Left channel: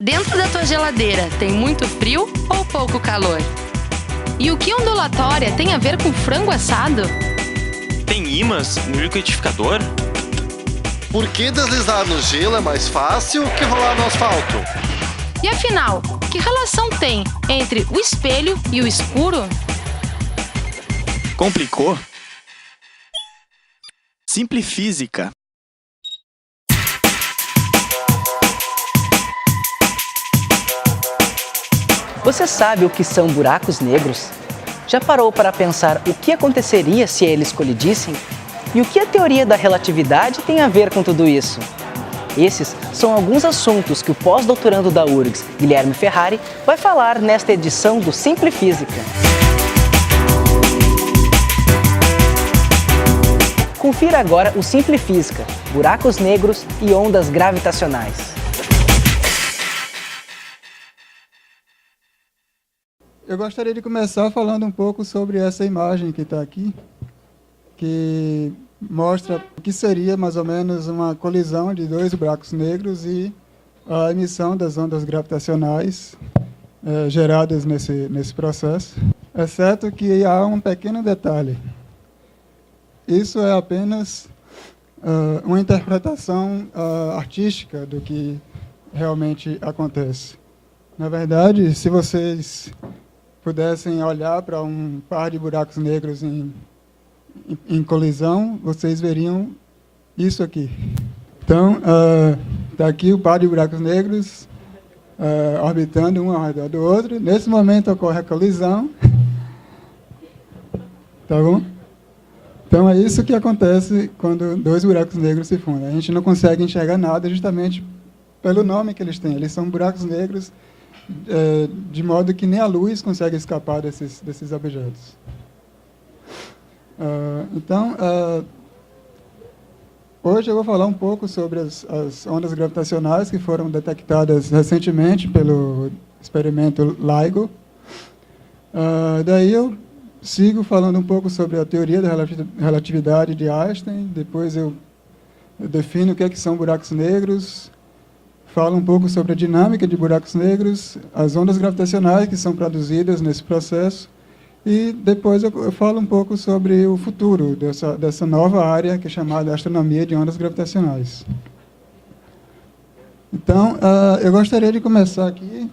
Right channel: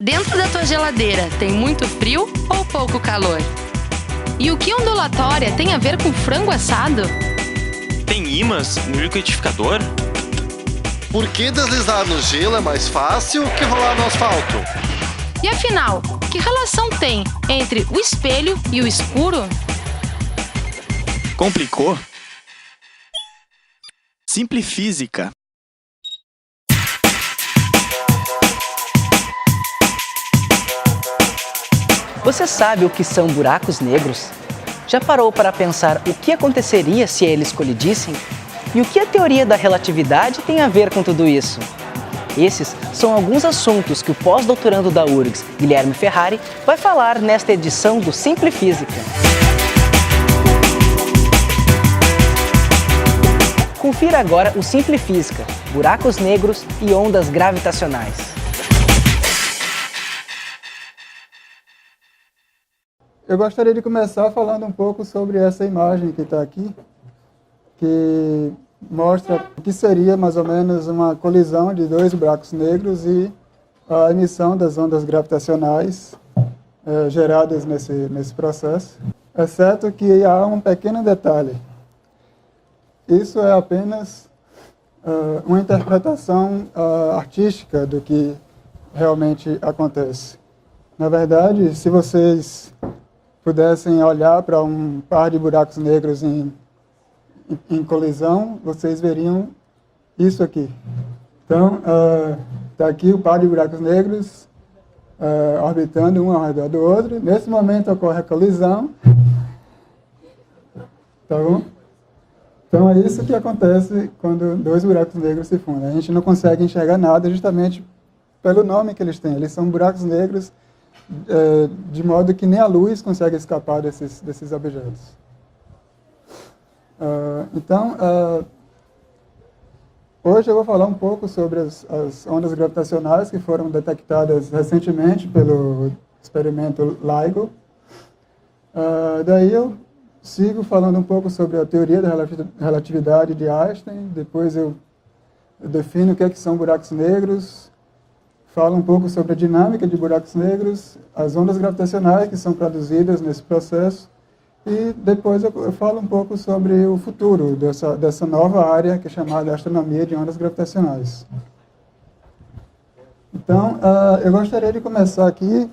Dentro da tua geladeira tem muito frio ou pouco calor? E o que ondulatória tem a ver com frango assado? Tem ímãs no liquidificador? Por que deslizar no gelo é mais fácil que rolar no asfalto? E afinal, que relação tem entre o espelho e o escuro? Complicou? Simplifísica. Você sabe o que são buracos negros? Já parou para pensar o que aconteceria se eles colidissem? E o que a teoria da relatividade tem a ver com tudo isso? Esses são alguns assuntos que o pós-doutorando da URGS, Guilherme Ferrari, vai falar nesta edição do Simplifísica. Confira agora o Simplifísica, buracos negros e ondas gravitacionais. Eu gostaria de começar falando um pouco sobre essa imagem que está aqui, que mostra o que seria mais ou menos uma colisão de dois buracos negros e a emissão das ondas gravitacionais geradas nesse processo. Exceto que há um pequeno detalhe. Isso é apenas uma interpretação artística do que realmente acontece. Na verdade, se vocês pudessem olhar para um par de buracos negros em colisão, vocês veriam isso aqui. Então, está aqui o par de buracos negros orbitando um ao redor do outro. Nesse momento ocorre a colisão. Tá bom? Então, é isso que acontece quando dois buracos negros se fundem. A gente não consegue enxergar nada justamente pelo nome que eles têm. Eles são buracos negros de modo que nem a luz consegue escapar desses objetos. Então, hoje eu vou falar um pouco sobre as ondas gravitacionais que foram detectadas recentemente pelo experimento LIGO. Daí eu sigo falando um pouco sobre a teoria da relatividade de Einstein, depois eu defino o que são buracos negros, falo um pouco sobre a dinâmica de buracos negros, as ondas gravitacionais que são produzidas nesse processo, e depois eu falo um pouco sobre o futuro dessa nova área que é chamada astronomia de ondas gravitacionais. Então, eu gostaria de começar aqui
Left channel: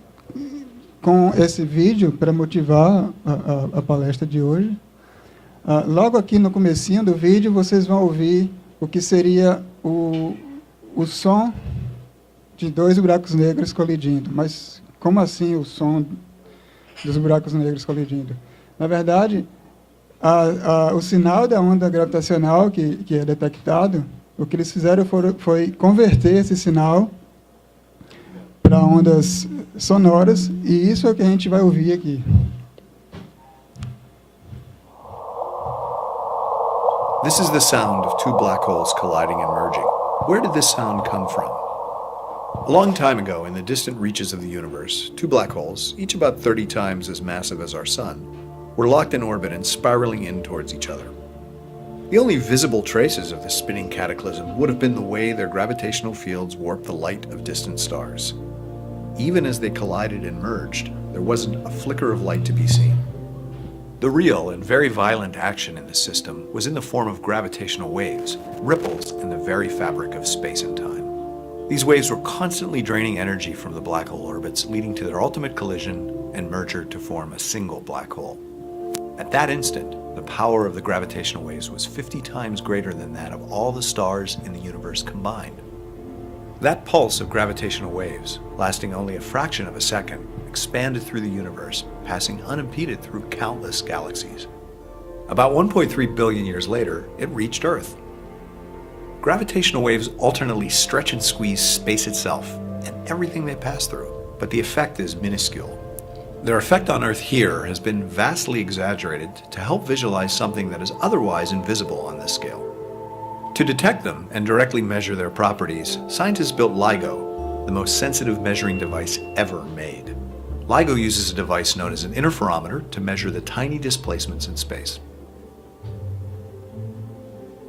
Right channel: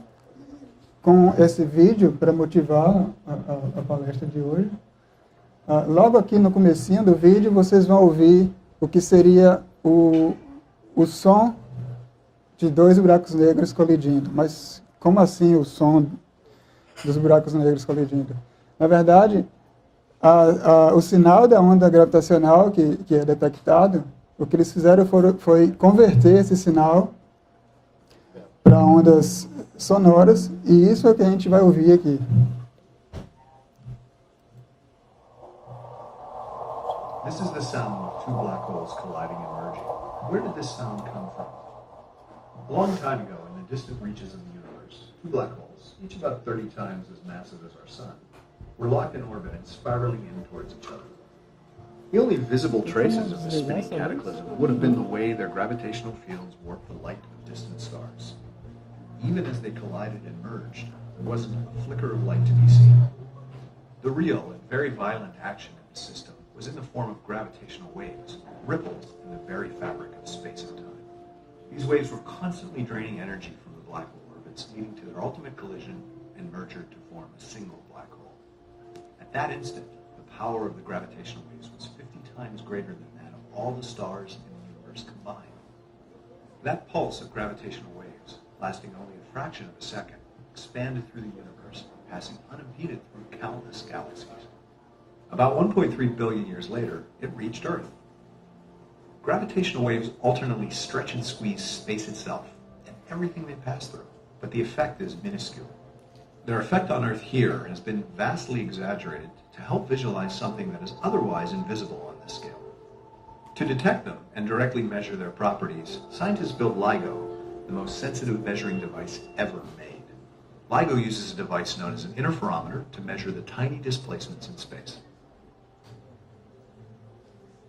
com esse vídeo para motivar a palestra de hoje. Logo aqui no comecinho do vídeo, vocês vão ouvir o que seria o som de dois buracos negros colidindo. Mas como assim o som dos buracos negros colidindo? Na verdade, o sinal da onda gravitacional que é detectado, o que eles fizeram foi converter esse sinal para ondas sonoras, e isso é o que a gente vai ouvir aqui. This is the sound of two black holes colliding and merging. Where did this sound come from? A long time ago, in the distant reaches of the universe, two black holes, each about 30 times as massive as our sun, were locked in orbit and spiraling in towards each other. The only visible traces of this spinning cataclysm would have been the way their gravitational fields warped the light of distant stars. Even as they collided and merged, there wasn't a flicker of light to be seen. The real and very violent action in this system was in the form of gravitational waves, ripples in the very fabric of space and time. These waves were constantly draining energy from the black hole orbits, leading to their ultimate collision and merger to form a single black hole. At that instant, the power of the gravitational waves was 50 times greater than that of all the stars in the universe combined. That pulse of gravitational waves, lasting only a fraction of a second, expanded through the universe, passing unimpeded through countless galaxies. About 1.3 billion years later, it reached Earth. Gravitational waves alternately stretch and squeeze space itself and everything they pass through, but the effect is minuscule. Their effect on Earth here has been vastly exaggerated to help visualize something that is otherwise invisible on this scale. To detect them and directly measure their properties, scientists built LIGO, the most sensitive measuring device ever made. LIGO uses a device known as an interferometer to measure the tiny displacements in space.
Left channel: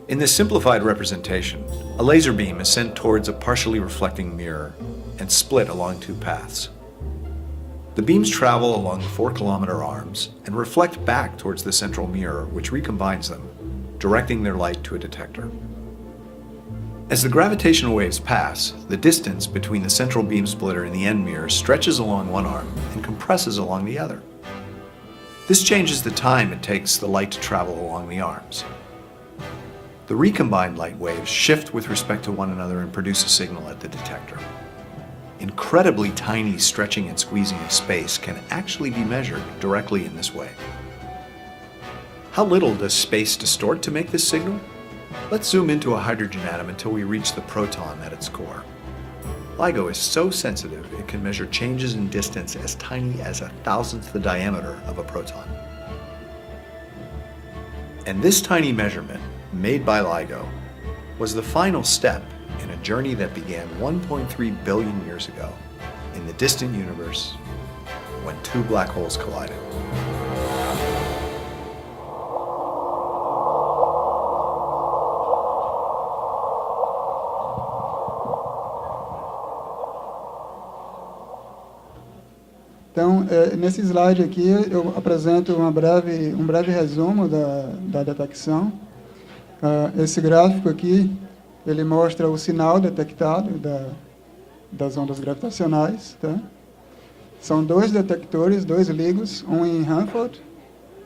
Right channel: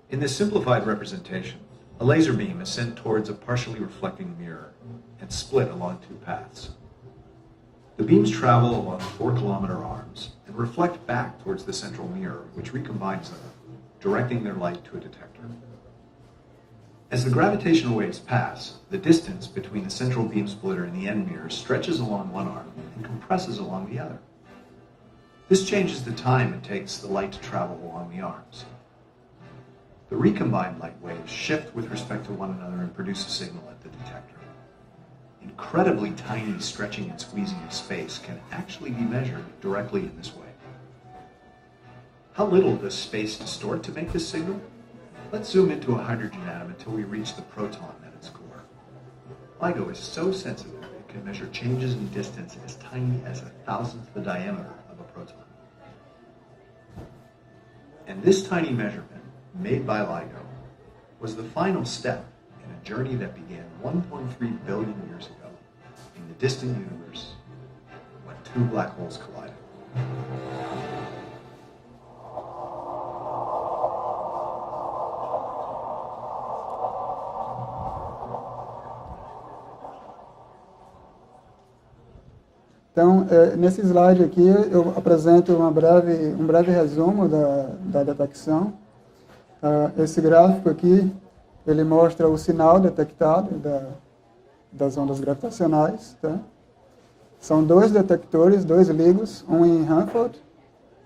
In this simplified representation, a laser beam is sent towards a partially reflecting mirror, and and split along two paths. The beams travel along the 4-kilometer arms and reflect back towards the central mirror, which recombines them, directing their light to a detector. As the gravitational waves pass, the distance between the central beam splitter and the end mirror stretches along one arm and compresses along the other. This changes the time it takes the light to travel along the arms. The recombined light waves shift with respect to one another and produce a signal at the detector. Incredibly tiny stretching and squeezing of space can actually be measured directly in this way. How little does space distort to make this signal? Let's zoom into a hydrogen atom until we reach the proton at its core. LIGO is so sensitive it can measure changes in distance as tiny as 1,000th the diameter of a proton. And this tiny measurement, made by LIGO, was the final step in a journey that began 1.3 billion years ago in the distant universe when two black holes collided. Então, nesse slide aqui, eu apresento um breve resumo da detecção. Esse gráfico aqui, ele mostra o sinal detectado das ondas gravitacionais. Tá? São dois detectores, dois LIGOs, um em Hanford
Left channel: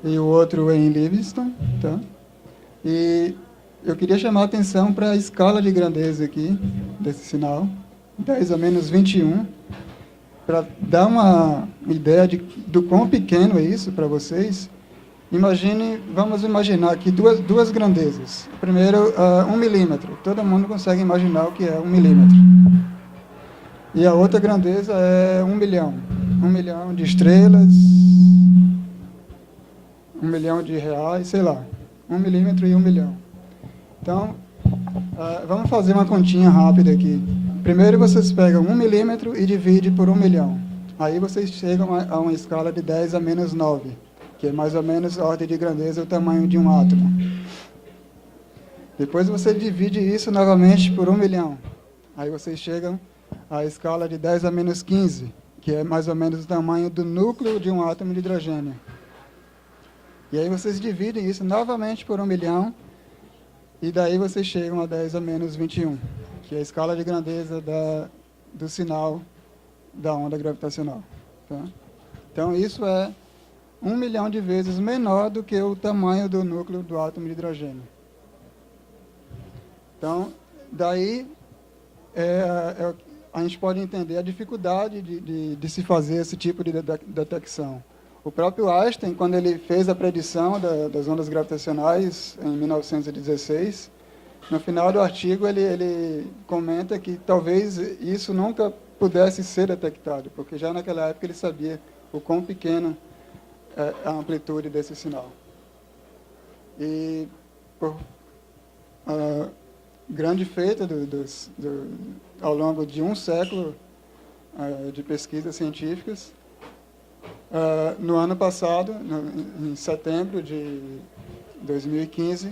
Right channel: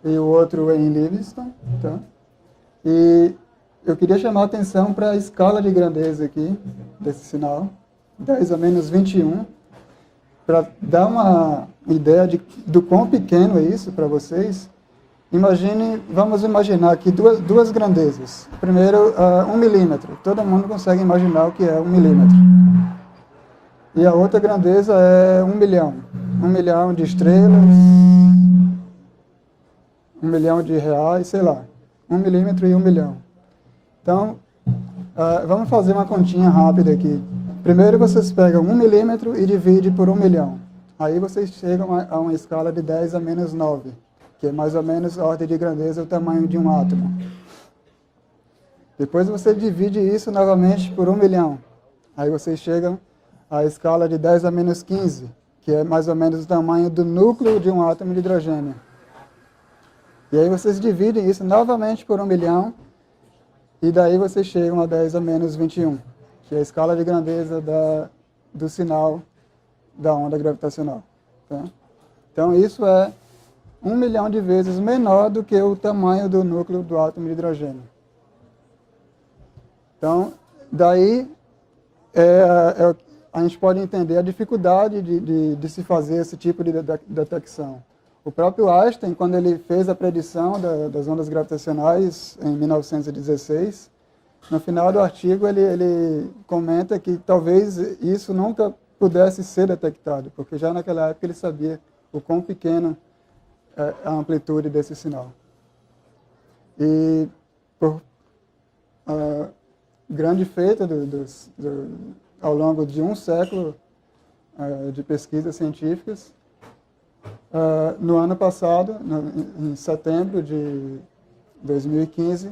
e o outro em Livingston. Tá? E eu queria chamar a atenção para a escala de grandeza aqui desse sinal, 10 a menos 21, para dar uma ideia do quão pequeno é isso para vocês. Vamos imaginar aqui duas grandezas. Primeiro, 1 milímetro. Todo mundo consegue imaginar o que é 1 milímetro. E a outra grandeza é 1 milhão. 1 milhão de estrelas, 1 milhão de reais, sei lá. 1 milímetro e 1 milhão. Então, vamos fazer uma continha rápida aqui. Primeiro vocês pegam 1 milímetro e dividem por 1 milhão. Aí vocês chegam a uma escala de 10 a menos 9, que é mais ou menos a ordem de grandeza e tamanho de um átomo. Depois você divide isso novamente por 1 milhão. Aí vocês chegam à escala de 10 a menos 15, que é mais ou menos o tamanho do núcleo de um átomo de hidrogênio. E aí vocês dividem isso novamente por 1 milhão, e daí vocês chegam a 10 a menos 21. Que é a escala de grandeza do sinal da onda gravitacional. Tá? Então, isso é 1 milhão de vezes menor do que o tamanho do núcleo do átomo de hidrogênio. Então, daí a gente pode entender a dificuldade de se fazer esse tipo de detecção. O próprio Einstein, quando ele fez a predição das ondas gravitacionais em 1916, no final do artigo, ele comenta que talvez isso nunca pudesse ser detectado, porque já naquela época ele sabia o quão pequena é a amplitude desse sinal. E por grande feita ao longo de um século de pesquisas científicas, no ano passado, em setembro de 2015,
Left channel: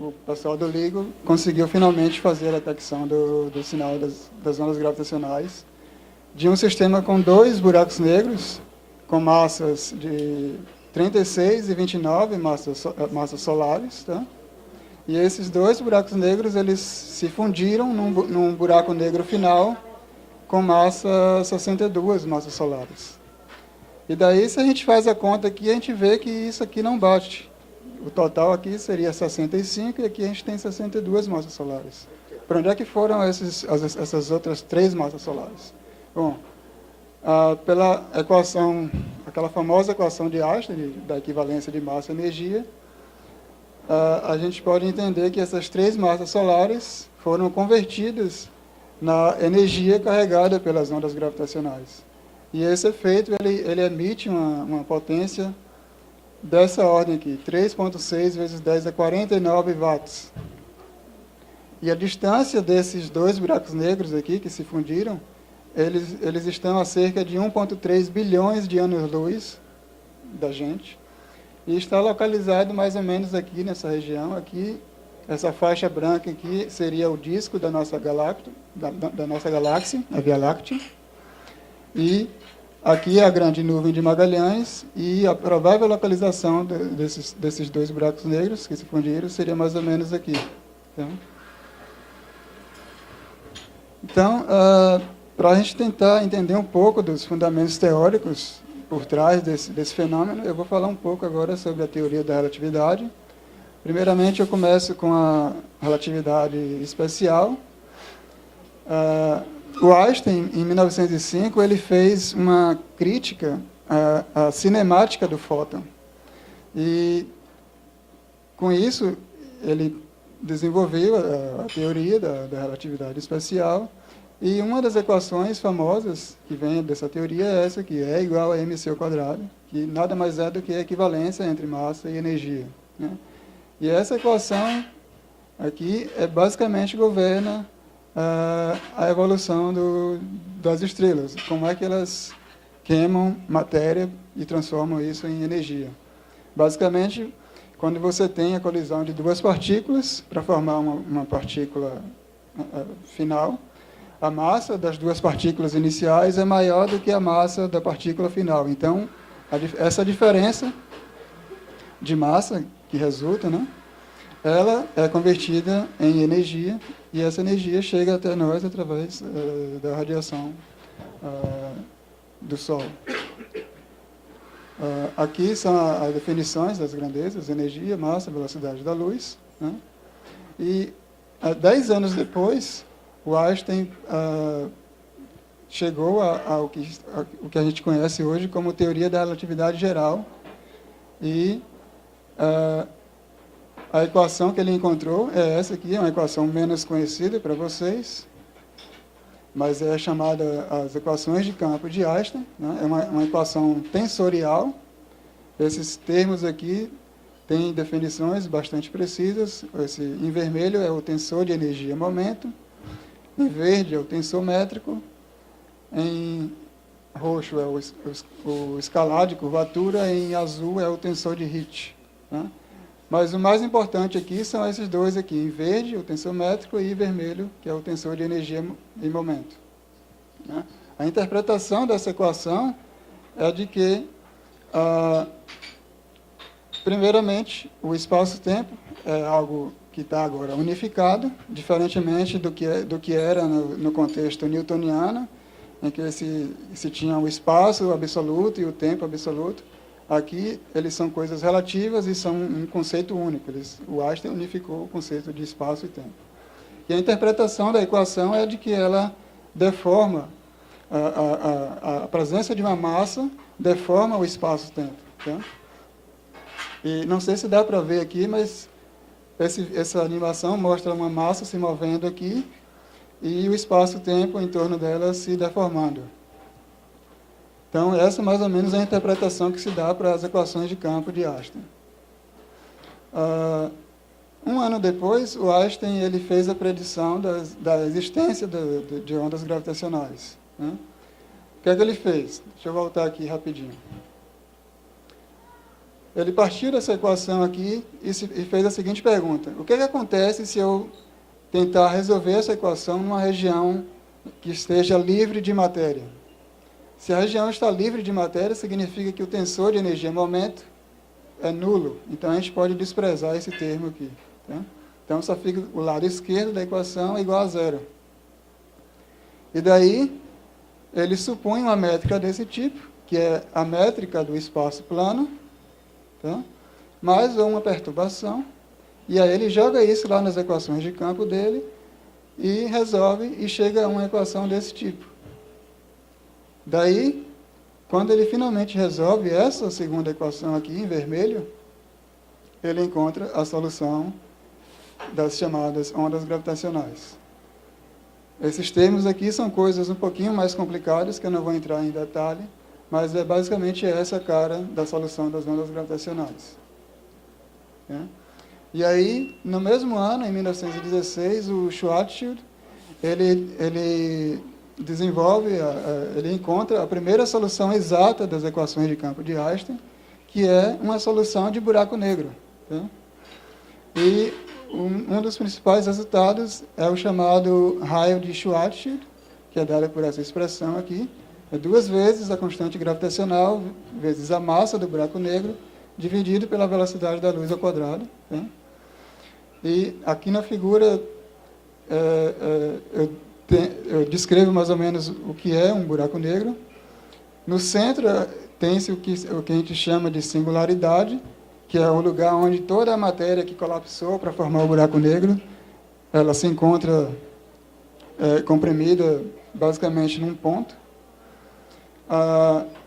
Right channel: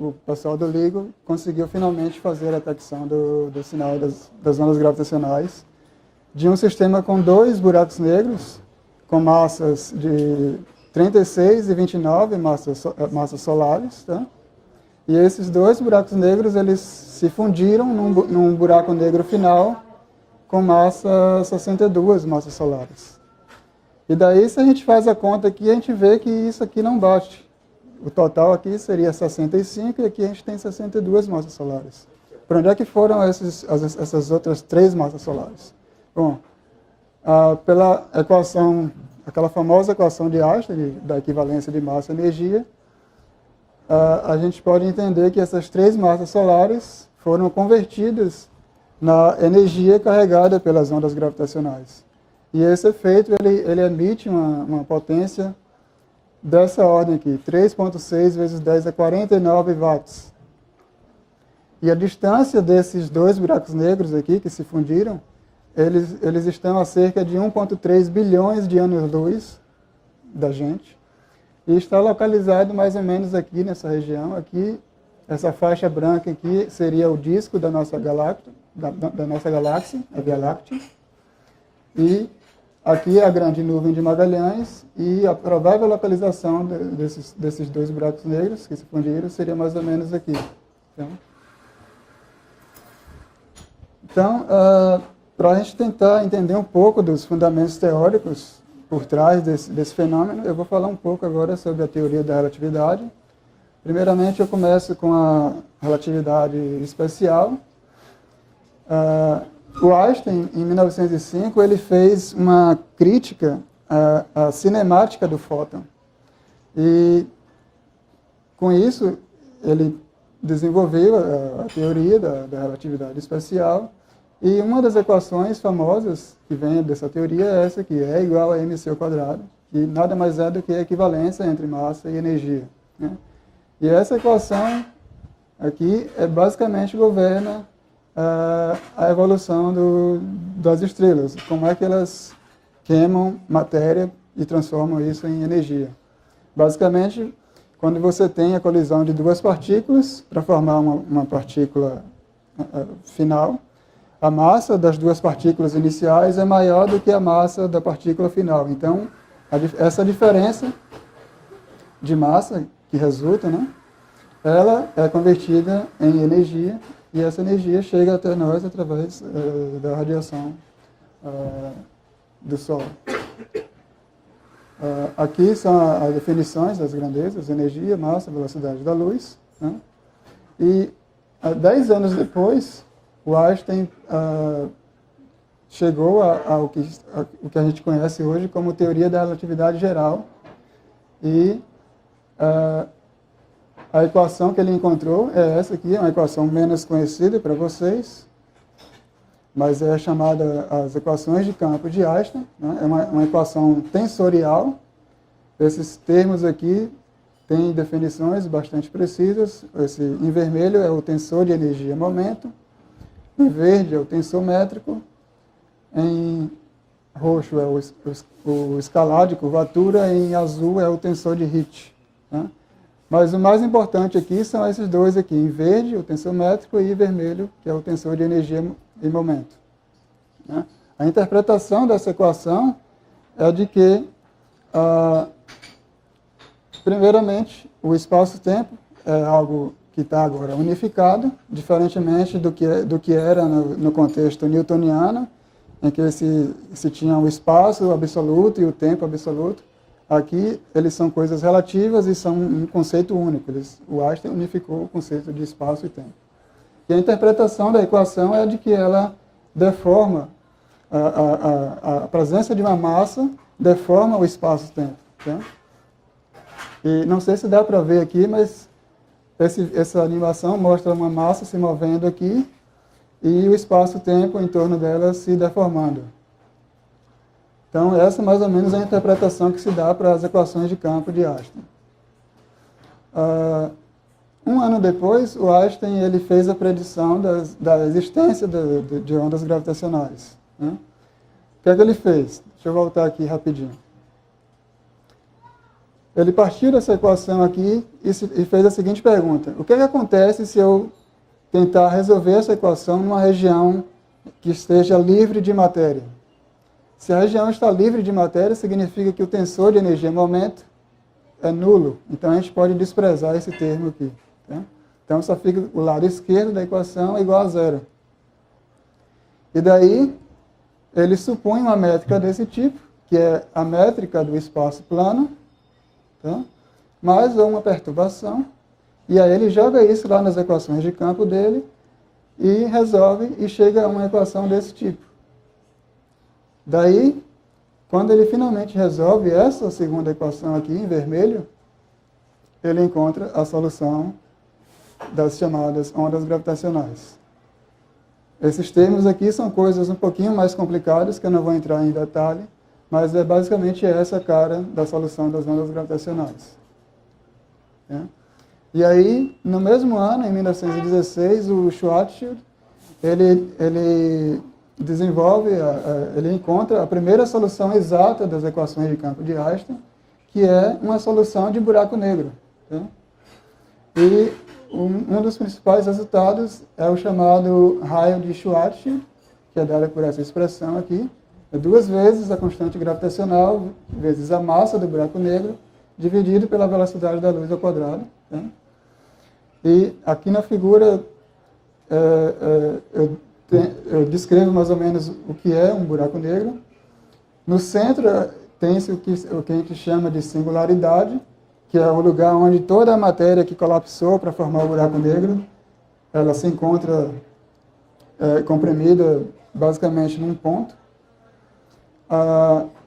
o pessoal do LIGO conseguiu finalmente fazer a detecção do sinal das ondas gravitacionais de um sistema com 2 buracos negros, com massas de 36 e 29 massas solares. Tá? E esses 2 buracos negros eles se fundiram num buraco negro final com massa 62 massas solares. E daí, se a gente faz a conta aqui, a gente vê que isso aqui não bate. O total aqui seria 65 e aqui a gente tem 62 massas solares. Para onde é que foram essas outras 3 massas solares? Bom, pela equação, aquela famosa equação de Einstein, da equivalência de massa e energia, a gente pode entender que essas 3 massas solares foram convertidas na energia carregada pelas ondas gravitacionais. E esse efeito, ele emite uma potência dessa ordem aqui, 3,6 vezes 10 a 49 watts. E a distância desses 2 buracos negros aqui, que se fundiram, eles estão a cerca de 1,3 bilhões de anos-luz da gente. E está localizado mais ou menos aqui nessa região. Aqui, essa faixa branca aqui seria o disco da nossa galáxia, da nossa galáxia, a Via Láctea. E aqui é a grande nuvem de Magalhães e a provável localização desses dois buracos negros que se fundiram seria mais ou menos aqui. Então, para a gente tentar entender um pouco dos fundamentos teóricos por trás desse fenômeno, eu vou falar um pouco agora sobre a teoria da relatividade. Primeiramente, eu começo com a relatividade especial. O Einstein, em 1905, ele fez uma crítica à cinemática do fóton. E, com isso, ele desenvolveu a teoria da relatividade especial. E uma das equações famosas que vem dessa teoria é essa aqui, E igual a mc ao quadrado, que nada mais é do que a equivalência entre massa e energia. Né? E essa equação aqui basicamente governa a evolução das estrelas, como é que elas queimam matéria e transformam isso em energia. Basicamente, quando você tem a colisão de duas partículas para formar uma partícula final, a massa das duas partículas iniciais é maior do que a massa da partícula final. Então, essa diferença de massa que resulta, né, ela é convertida em energia e essa energia chega até nós através da radiação do Sol. Aqui são as definições das grandezas: energia, massa, velocidade da luz. Né? E 10 anos depois, o Einstein chegou ao que a gente conhece hoje como teoria da relatividade geral. E a equação que ele encontrou é essa aqui, é uma equação menos conhecida para vocês, mas é chamada as equações de campo de Einstein. Né? É uma equação tensorial. Esses termos aqui têm definições bastante precisas. Em vermelho é o tensor de energia e momento, em verde é o tensor métrico, em roxo é o escalar de curvatura, e em azul é o tensor de Hit. Né? Mas o mais importante aqui são esses dois aqui, em verde, o tensor métrico, e em vermelho, que é o tensor de energia e momento. Né? A interpretação dessa equação é de que, primeiramente, o espaço-tempo é algo que está agora unificado, diferentemente do que era no contexto newtoniano, em que se tinha o espaço absoluto e o tempo absoluto. Aqui, eles são coisas relativas e são um conceito único. O Einstein unificou o conceito de espaço e tempo. E a interpretação da equação é de que ela deforma, a presença de uma massa deforma o espaço-tempo. Tá? E não sei se dá para ver aqui, mas essa animação mostra uma massa se movendo aqui e o espaço-tempo em torno dela se deformando. Então, essa mais ou menos é a interpretação que se dá para as equações de campo de Einstein. Um ano depois, o Einstein ele fez a predição da existência de ondas gravitacionais. Né? O que é que ele fez? Deixa eu voltar aqui rapidinho. Ele partiu dessa equação aqui e fez a seguinte pergunta: o que é que acontece se eu tentar resolver essa equação numa região que esteja livre de matéria? Se a região está livre de matéria, significa que o tensor de energia e momento é nulo. Então, a gente pode desprezar esse termo aqui. Né? Então, só fica o lado esquerdo da equação igual a zero. E daí, ele supõe uma métrica desse tipo, que é a métrica do espaço plano, tá? Mais uma perturbação, e aí ele joga isso lá nas equações de campo dele e resolve e chega a uma equação desse tipo. Daí, quando ele finalmente resolve essa segunda equação aqui, em vermelho, ele encontra a solução das chamadas ondas gravitacionais. Esses termos aqui são coisas um pouquinho mais complicadas, que eu não vou entrar em detalhe, mas é basicamente essa a cara da solução das ondas gravitacionais. Né? E aí, no mesmo ano, em 1916, o Schwarzschild, ele desenvolve, ele encontra a primeira solução exata das equações de campo de Einstein, que é uma solução de buraco negro. Né? E um dos principais resultados é o chamado raio de Schwarzschild, que é dado por essa expressão aqui. É 2 vezes a constante gravitacional vezes a massa do buraco negro, dividido pela velocidade da luz ao quadrado. Né? E aqui na figura eu descrevo mais ou menos o que é um buraco negro. No centro tem-se o que a gente chama de singularidade, que é o lugar onde toda a matéria que colapsou para formar o buraco negro, ela se encontra comprimida basicamente num ponto.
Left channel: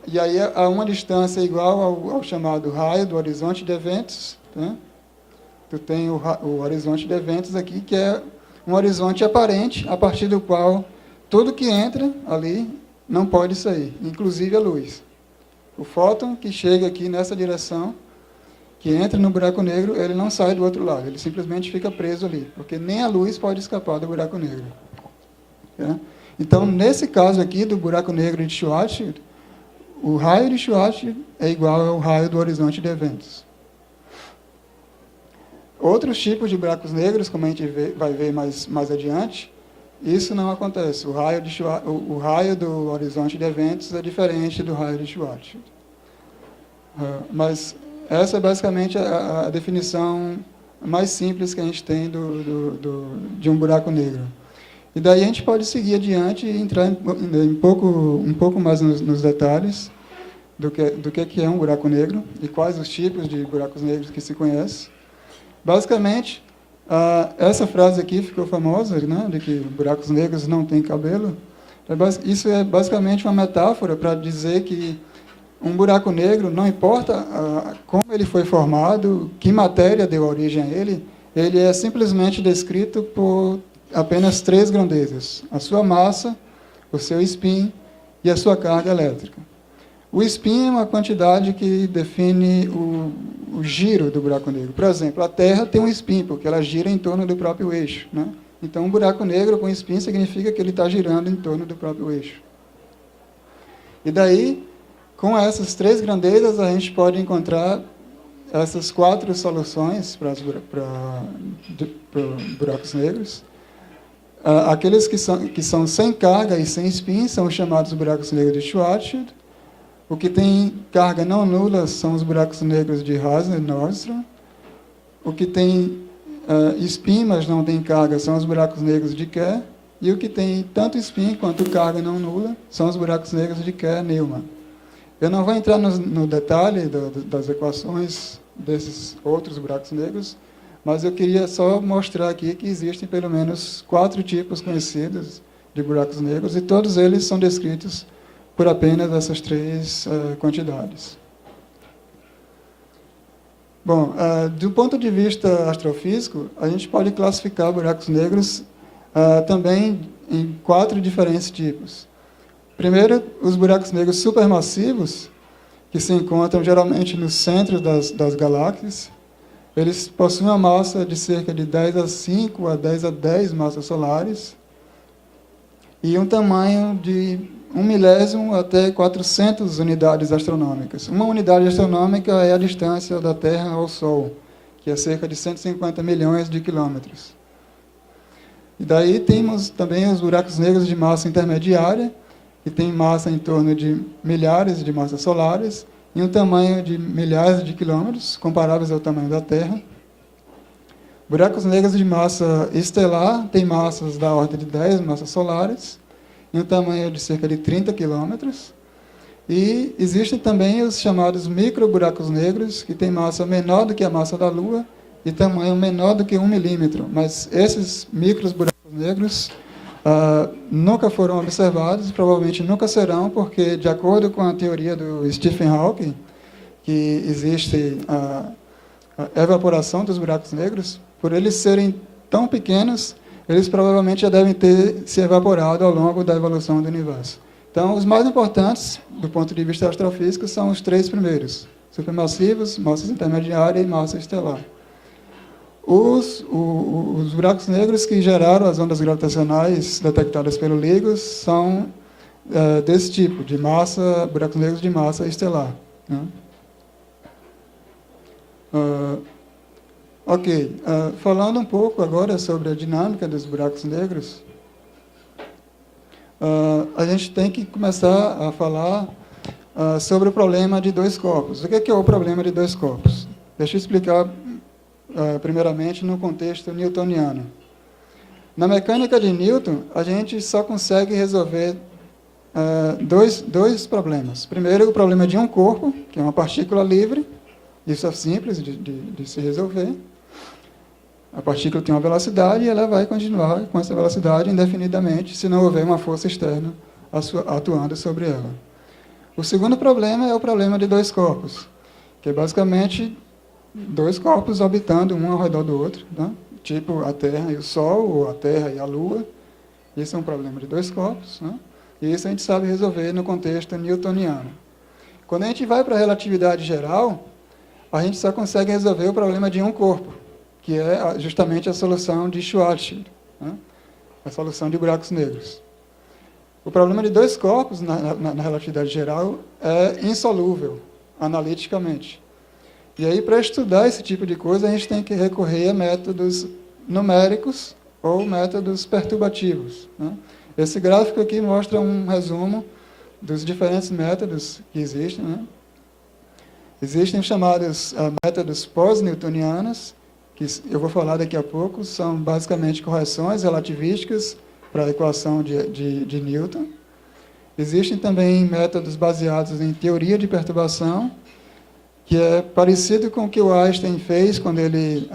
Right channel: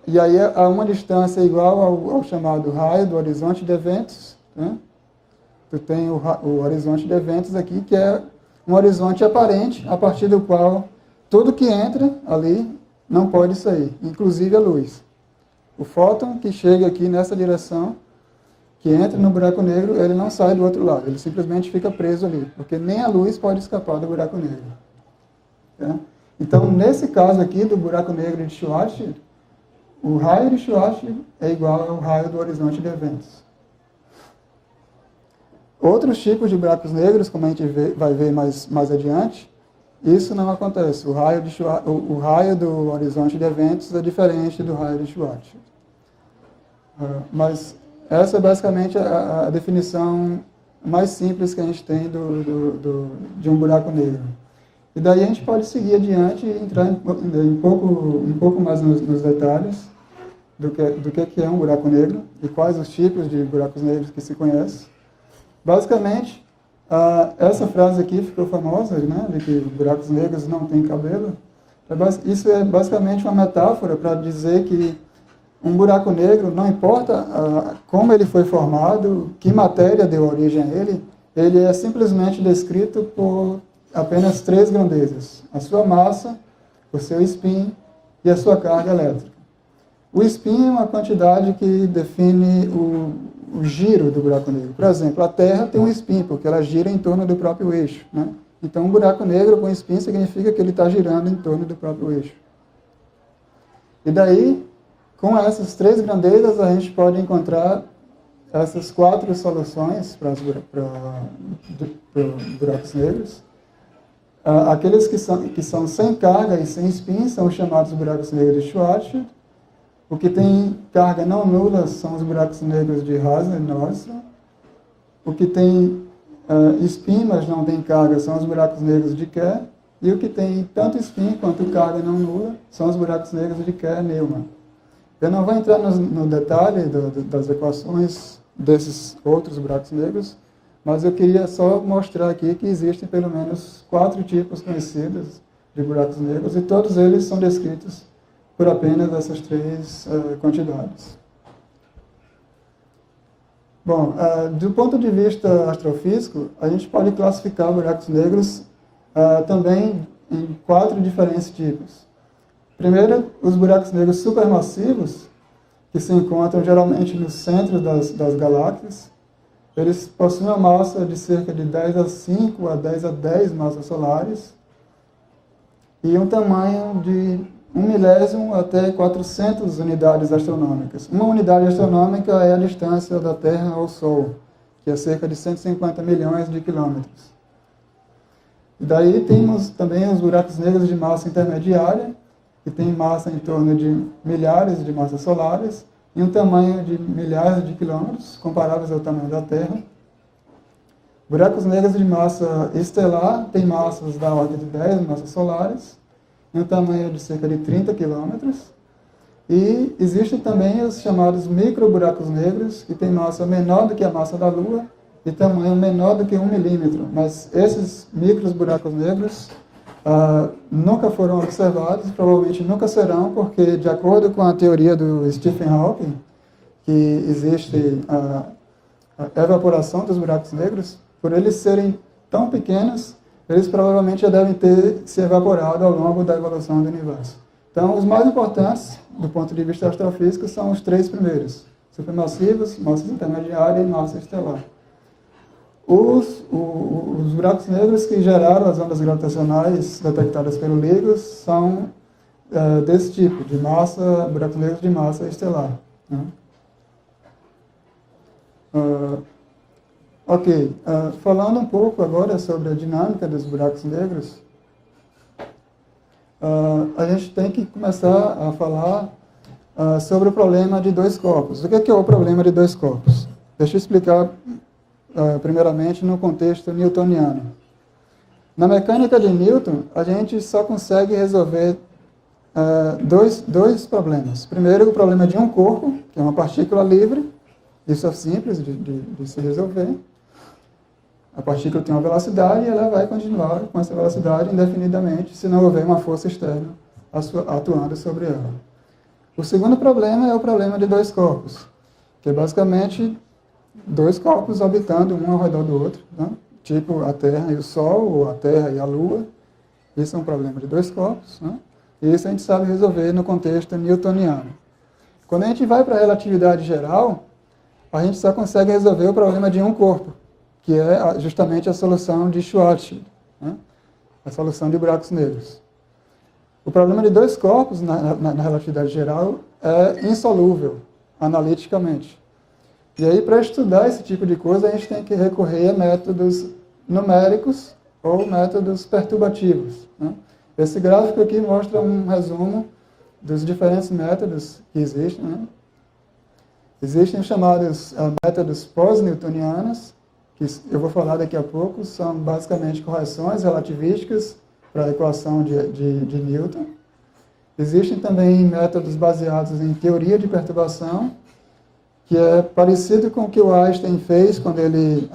E aí a uma distância igual ao chamado raio do horizonte de eventos. Né? Tu tem o horizonte de eventos aqui, que é um horizonte aparente, a partir do qual tudo que entra ali não pode sair, inclusive a luz. O fóton que chega aqui nessa direção, que entra no buraco negro, ele não sai do outro lado, ele simplesmente fica preso ali, porque nem a luz pode escapar do buraco negro. Tá? Então, nesse caso aqui do buraco negro de Schwarzschild, o raio de Schwarzschild é igual ao raio do horizonte de eventos. Outros tipos de buracos negros, como a gente vai ver mais adiante, isso não acontece. O raio do horizonte de eventos é diferente do raio de Schwarzschild. Mas essa é basicamente a definição mais simples que a gente tem de um buraco negro. E daí a gente pode seguir adiante e entrar um pouco mais nos detalhes do que é um buraco negro e quais os tipos de buracos negros que se conhece. Basicamente, essa frase aqui ficou famosa, né, de que buracos negros não têm cabelo. Isso é basicamente uma metáfora para dizer que um buraco negro, não importa como ele foi formado, que matéria deu origem a ele é simplesmente descrito por apenas 3 grandezas: a sua massa, o seu spin e a sua carga elétrica. O spin é uma quantidade que define o giro do buraco negro. Por exemplo, a Terra tem um spin, porque ela gira em torno do próprio eixo. Né? Então, um buraco negro com spin significa que ele está girando em torno do próprio eixo. E daí, com essas 3 grandezas, a gente pode encontrar essas 4 soluções para buracos negros. Aqueles que são sem carga e sem spin são chamados buracos negros de Schwarzschild. O que tem carga não nula são os buracos negros de Hazen-Nordström. O que tem spin, mas não tem carga, são os buracos negros de Kerr. E o que tem tanto spin quanto carga não nula são os buracos negros de Kerr-Newman. Eu não vou entrar no detalhe das equações desses outros buracos negros, mas eu queria só mostrar aqui que existem pelo menos 4 tipos conhecidos de buracos negros e todos eles são descritos por apenas essas 3 quantidades. Bom, do ponto de vista astrofísico, a gente pode classificar buracos negros também em 4 diferentes tipos. Primeiro, os buracos negros supermassivos, que se encontram geralmente no centro das galáxias. Eles possuem uma massa de cerca de 10 a 5 a 10 a 10 massas solares e um tamanho de 1 milésimo até 400 unidades astronômicas. Uma unidade astronômica é a distância da Terra ao Sol, que é cerca de 150 milhões de quilômetros. E daí temos também os buracos negros de massa intermediária, que tem massa em torno de milhares de massas solares e um tamanho de milhares de quilômetros, comparáveis ao tamanho da Terra. Buracos negros de massa estelar têm massas da ordem de 10 massas solares e um tamanho de cerca de 30 quilômetros. E existem também os chamados microburacos negros, que têm massa menor do que a massa da Lua e tamanho menor do que 1 milímetro. Mas esses microburacos negros nunca foram observados, provavelmente nunca serão, porque, de acordo com a teoria do Stephen Hawking, que existe a evaporação dos buracos negros, por eles serem tão pequenos, eles provavelmente já devem ter se evaporado ao longo da evolução do universo. Então, os mais importantes, do ponto de vista astrofísico, são os 3 primeiros: supermassivos, massa intermediária e massa estelar. Os buracos negros que geraram as ondas gravitacionais detectadas pelo LIGO são desse tipo, de massa, buracos negros de massa estelar. Né? Ok, falando um pouco agora sobre a dinâmica dos buracos negros, a gente tem que começar a falar sobre o problema de dois corpos. O que é o problema de dois corpos? Deixa eu explicar primeiramente no contexto newtoniano. Na mecânica de Newton, a gente só consegue resolver dois problemas. Primeiro, o problema de um corpo, que é uma partícula livre. Isso é simples de se resolver. A partícula tem uma velocidade e ela vai continuar com essa velocidade indefinidamente se não houver uma força externa atuando sobre ela. O segundo problema é o problema de dois corpos, que é basicamente dois corpos orbitando um ao redor do outro, né? Tipo a Terra e o Sol, ou a Terra e a Lua. Esse é um problema de dois corpos, né? E isso a gente sabe resolver no contexto newtoniano. Quando a gente vai para a relatividade geral, a gente só consegue resolver o problema de um corpo, que é justamente a solução de Schwarzschild, né? A solução de buracos negros. O problema de dois corpos na relatividade geral é insolúvel, analiticamente. E aí, para estudar esse tipo de coisa, a gente tem que recorrer a métodos numéricos ou métodos perturbativos, né? Esse gráfico aqui mostra um resumo dos diferentes métodos que existem, né? Existem os chamados métodos pós-newtonianos, que eu vou falar daqui a pouco, são basicamente correções relativísticas para a equação de Newton. Existem também métodos baseados em teoria de perturbação, que é parecido com o que o Einstein fez quando ele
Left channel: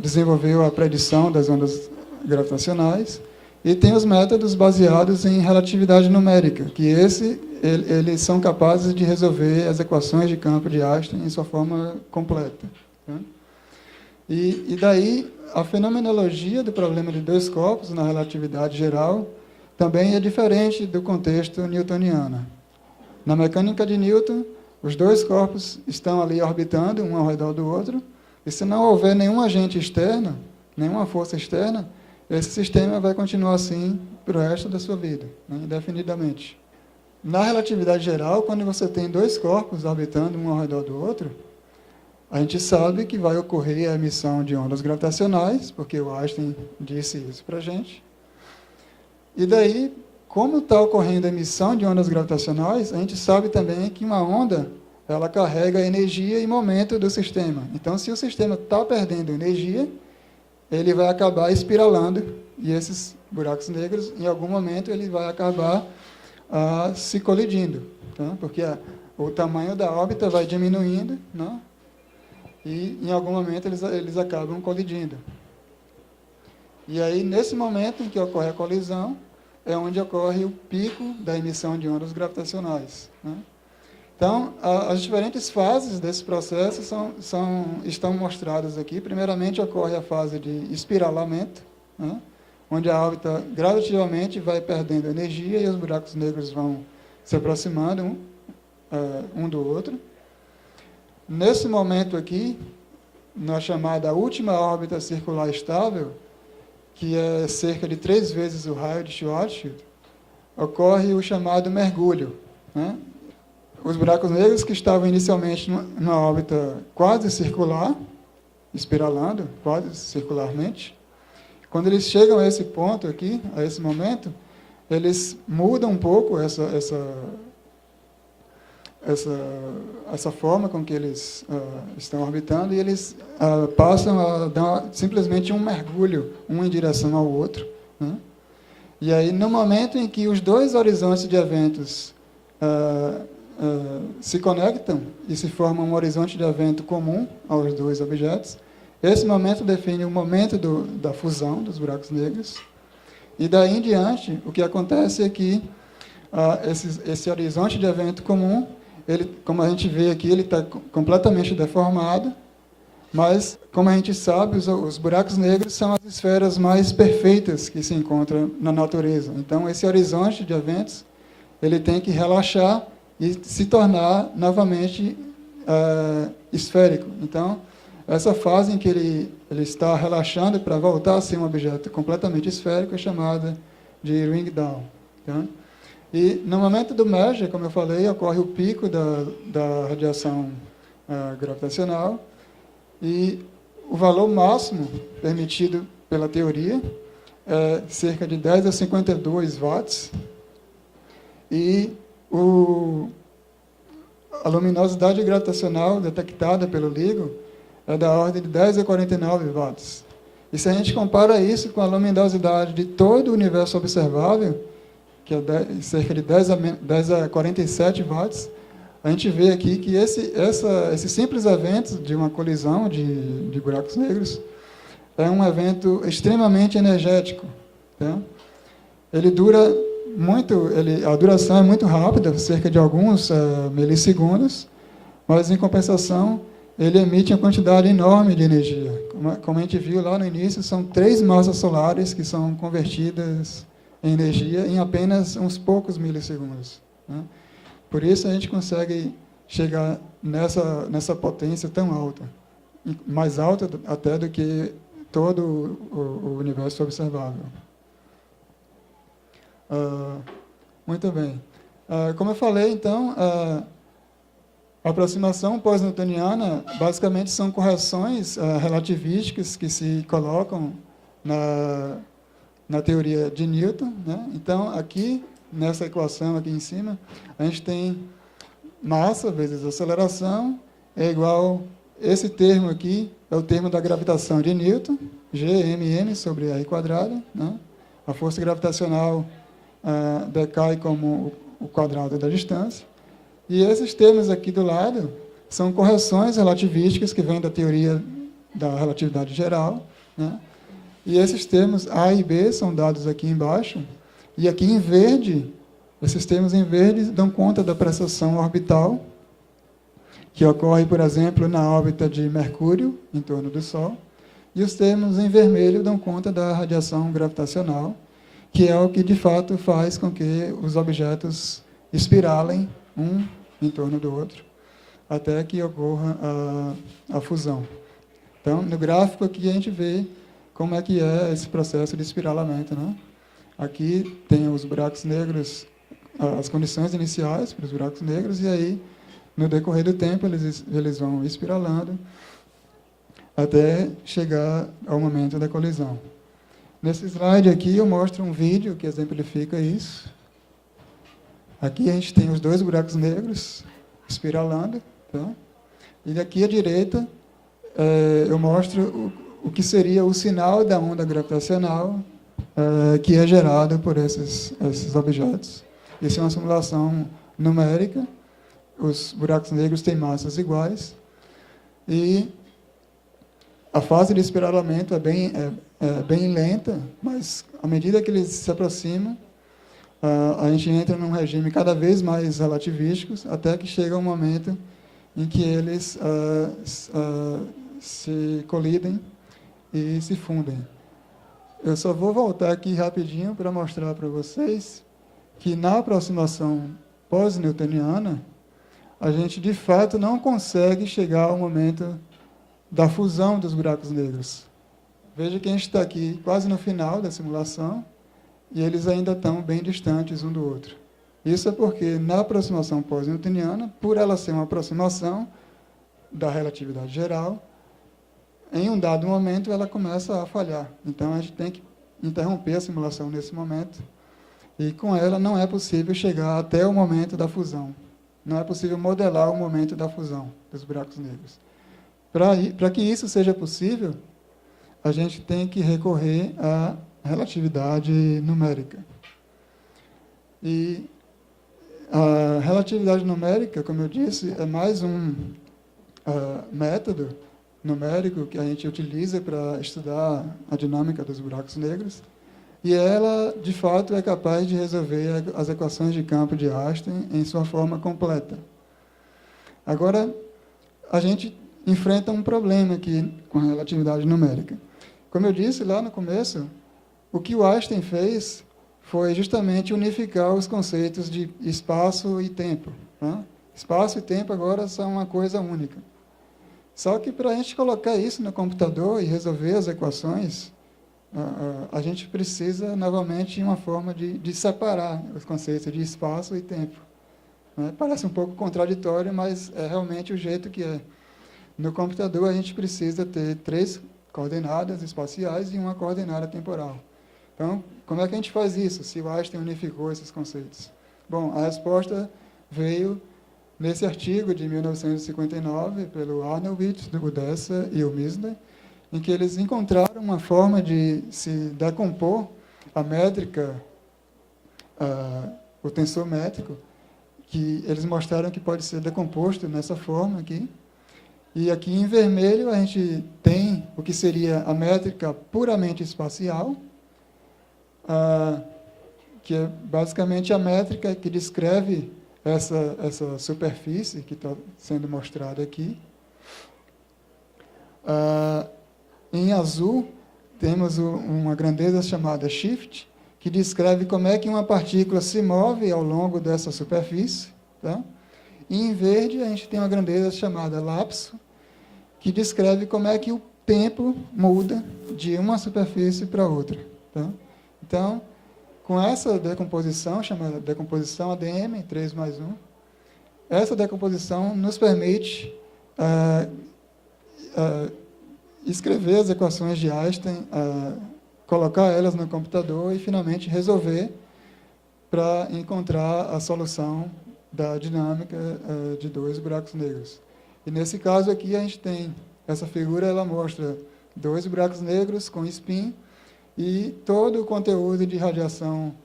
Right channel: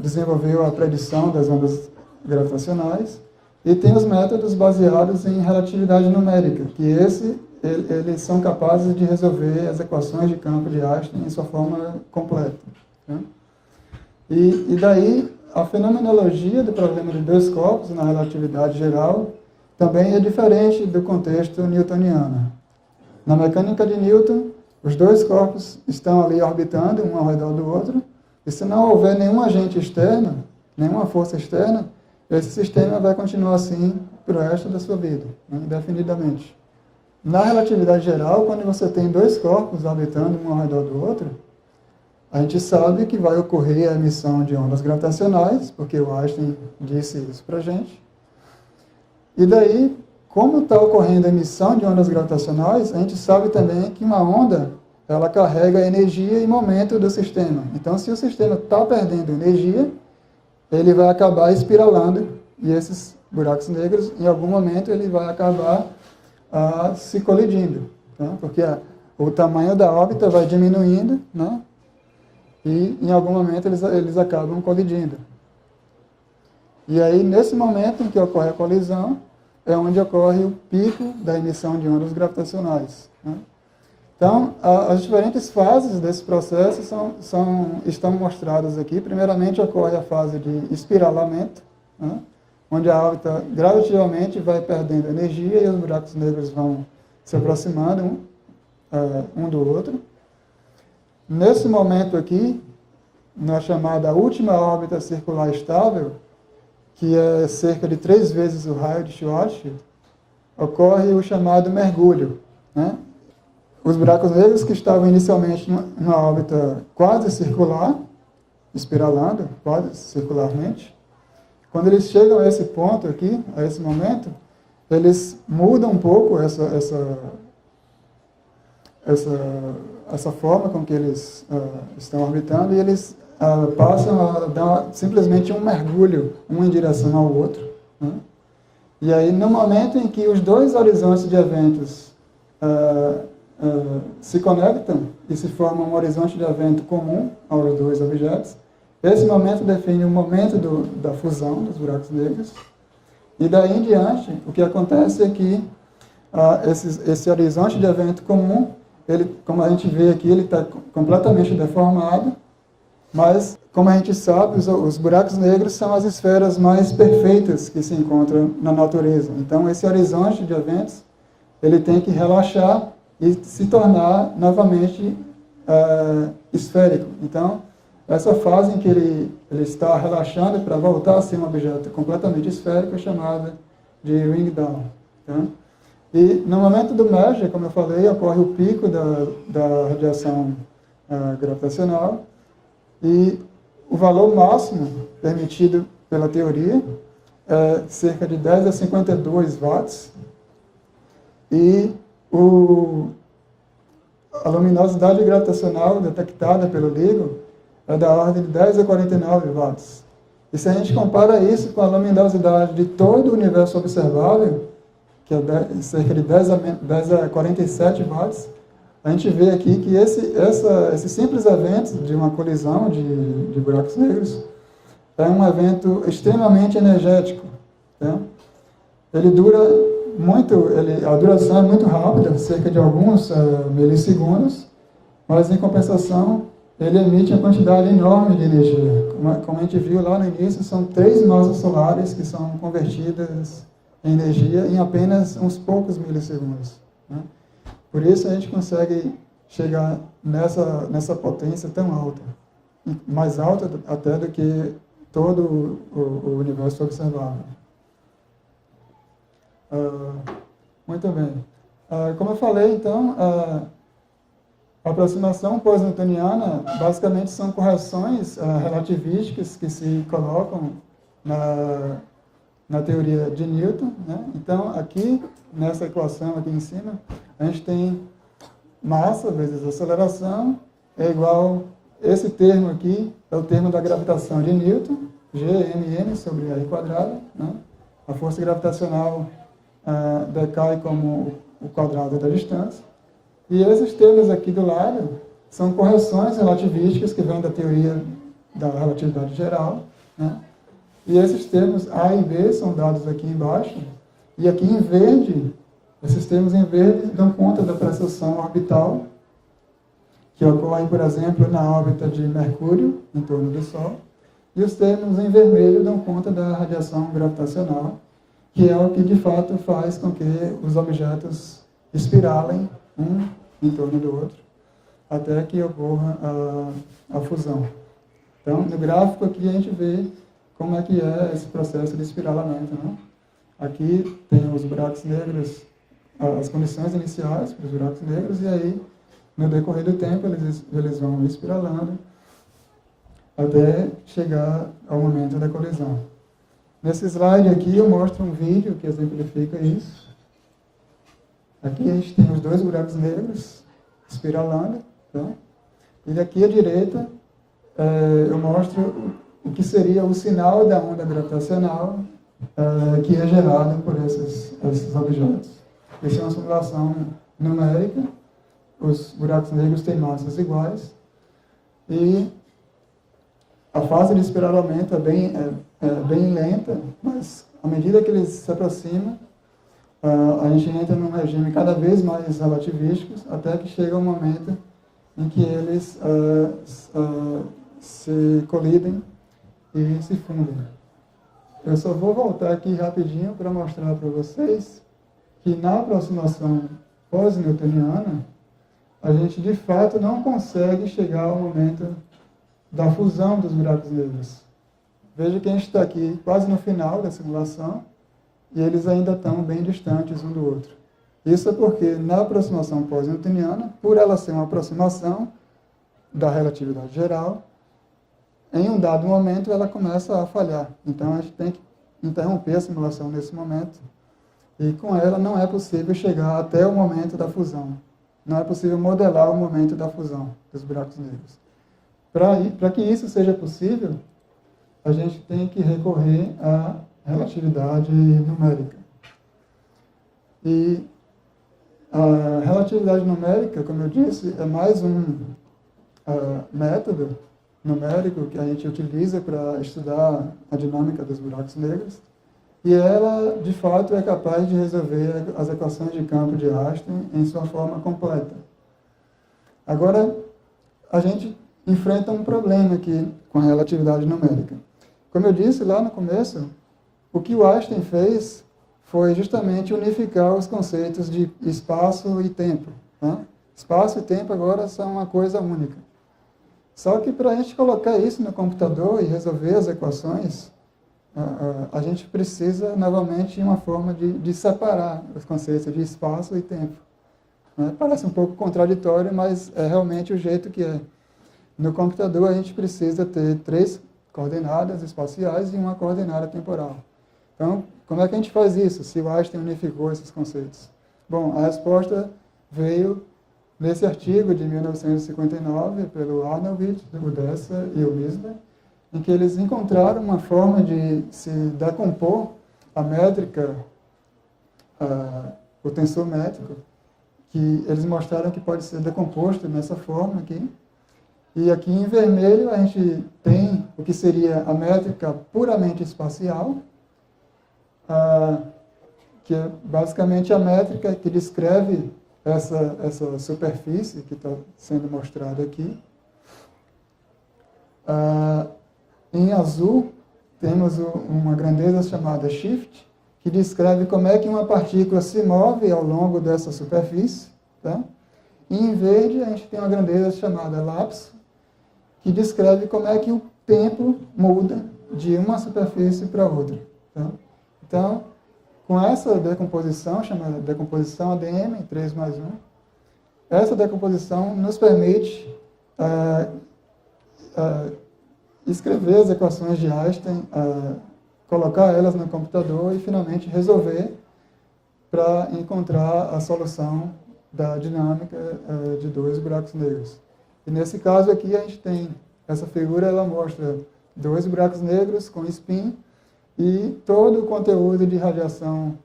desenvolveu a predição das ondas gravitacionais. E tem os métodos baseados em relatividade numérica, que eles são capazes de resolver as equações de campo de Einstein em sua forma completa, né? E daí, a fenomenologia do problema de dois corpos na relatividade geral também é diferente do contexto newtoniano. Na mecânica de Newton, os dois corpos estão ali orbitando um ao redor do outro, e se não houver nenhum agente externo, nenhuma força externa, esse sistema vai continuar assim para o resto da sua vida, né, indefinidamente. Na relatividade geral, quando você tem dois corpos orbitando um ao redor do outro, a gente sabe que vai ocorrer a emissão de ondas gravitacionais, porque o Einstein disse isso para a gente. E daí, como está ocorrendo a emissão de ondas gravitacionais, a gente sabe também que uma onda, ela carrega energia e momento do sistema. Então, se o sistema está perdendo energia, ele vai acabar espiralando, e esses buracos negros, em algum momento, ele vai acabar se colidindo, tá? Porque o tamanho da órbita vai diminuindo, né? E em algum momento eles acabam colidindo. E aí, nesse momento em que ocorre a colisão, é onde ocorre o pico da emissão de ondas gravitacionais, né? Então, as diferentes fases desse processo estão mostradas aqui. Primeiramente, ocorre a fase de espiralamento, né? Onde a órbita gradativamente vai perdendo energia e os buracos negros vão se aproximando um do outro. Nesse momento aqui, na chamada última órbita circular estável, que é cerca de 3 vezes o raio de Schwarzschild, ocorre o chamado mergulho, né? Os buracos negros que estavam inicialmente numa órbita quase circular, espiralando quase circularmente, quando eles chegam a esse ponto aqui, a esse momento, eles mudam um pouco essa forma com que eles estão orbitando, e eles passam a dar simplesmente um mergulho, um em direção ao outro, né? E aí, no momento em que os dois horizontes de eventos se conectam e se forma um horizonte de evento comum aos dois objetos, esse momento define o momento da fusão dos buracos negros. E daí em diante, o que acontece é que esse horizonte de evento comum, ele, como a gente vê aqui, ele está completamente deformado, mas, como a gente sabe, os buracos negros são as esferas mais perfeitas que se encontram na natureza. Então, esse horizonte de eventos, ele tem que relaxar e se tornar novamente esférico. Então, essa fase em que ele está relaxando para voltar a ser um objeto completamente esférico é chamada de ring down, tá? E no momento do merger, como eu falei, ocorre o pico da radiação gravitacional, E o valor máximo permitido pela teoria é cerca de 10 a 52 watts. E a luminosidade gravitacional detectada pelo LIGO é da ordem de 10 a 49 watts. E se a gente compara isso com a luminosidade de todo o universo observável, que é cerca de 10 a 47 watts, a gente vê aqui que esses simples eventos de uma colisão de buracos negros é um evento extremamente energético. Tá? Ele dura muito, a duração é muito rápida, cerca de alguns milissegundos, mas em compensação ele emite uma quantidade enorme de energia. Como a gente viu lá no início, são 3 massas solares que são convertidas em energia em apenas uns poucos milissegundos. Né? Por isso a gente consegue chegar nessa potência tão alta, mais alta até do que todo o universo observável. Muito bem. Como eu falei, então, a aproximação pós-newtoniana basicamente são correções relativísticas que se colocam na teoria de Newton. Né? Então, aqui, nessa equação aqui em cima, a gente tem massa vezes aceleração é igual, esse termo aqui é o termo da gravitação de Newton, Gmm sobre r quadrado. Né? A força gravitacional decai como o quadrado da distância. E esses termos aqui do lado são correções relativísticas que vêm da teoria da relatividade geral. Né? E esses termos A e B são dados aqui embaixo. E aqui em verde, esses termos em verde dão conta da precessão orbital, que ocorre, por exemplo, na órbita de Mercúrio, em torno do Sol. E os termos em vermelho dão conta da radiação gravitacional, que é o que, de fato, faz com que os objetos espiralem um em torno do outro, até que ocorra a fusão. Então, no gráfico aqui a gente vê como é que é esse processo de espiralamento. Né? Aqui tem os buracos negros, as condições iniciais para os buracos negros, e aí, no decorrer do tempo, eles vão espiralando até chegar ao momento da colisão. Nesse slide aqui eu mostro um vídeo que exemplifica isso. Aqui a gente tem os 2 buracos negros espiralando. Tá? E aqui à direita eu mostro o que seria o sinal da onda gravitacional que é gerado por esses objetos. Essa é uma simulação numérica. Os buracos negros têm massas iguais. E a fase de espiralamento é bem lenta, mas à medida que eles se aproximam, a gente entra num regime cada vez mais relativístico, até que chega um momento em que eles se colidem e se fundem. Eu só vou voltar aqui rapidinho para mostrar para vocês que na aproximação pós-newtoniana, a gente de fato não consegue chegar ao momento da fusão dos buracos negros. Veja que a gente está aqui quase no final da simulação e eles ainda estão bem distantes um do outro. Isso é porque na aproximação pós-newtoniana, por ela ser uma aproximação da relatividade geral, em um dado momento ela começa a falhar. Então a gente tem que interromper a simulação nesse momento e com ela não é possível chegar até o momento da fusão. Não é possível modelar o momento da fusão dos buracos negros. Para que isso seja possível, a gente tem que recorrer à relatividade numérica. E a relatividade numérica, como eu disse, é mais um método numérico que a gente utiliza para estudar a dinâmica dos buracos negros. E ela, de fato, é capaz de resolver as equações de campo de Einstein em sua forma completa. Agora, a gente enfrenta um problema aqui com a relatividade numérica. Como eu disse lá no começo, o que o Einstein fez foi justamente unificar os conceitos de espaço e tempo. Né? Espaço e tempo agora são uma coisa única. Só que para a gente colocar isso no computador e resolver as equações, a gente precisa novamente de uma forma de separar os conceitos de espaço e tempo. Né? Parece um pouco contraditório, mas é realmente o jeito que é. No computador, a gente precisa ter 3 coordenadas espaciais e uma coordenada temporal. Então, como é que a gente faz isso, se o Einstein unificou esses conceitos? Bom, a resposta veio nesse artigo de 1959, pelo Arnovitz, do Dessa e o Misner, em que eles encontraram uma forma de se decompor a métrica, o tensor métrico, que eles mostraram que pode ser decomposto nessa forma aqui. E aqui em vermelho a gente tem o que seria a métrica puramente espacial, que é basicamente a métrica que descreve essa superfície que está sendo mostrada aqui. Em azul, temos uma grandeza chamada shift, que descreve como é que uma partícula se move ao longo dessa superfície. Tá? E em verde, a gente tem uma grandeza chamada lapso, que descreve como é que o tempo muda de uma superfície para outra. Tá? Então, com essa decomposição, chamada decomposição ADM, 3+1, essa decomposição nos permite escrever as equações de Einstein, colocar elas no computador e, finalmente, resolver para encontrar a solução da dinâmica de 2 buracos negros. E, nesse caso aqui, a gente tem essa figura, ela mostra 2 buracos negros com spin e todo o conteúdo de radiação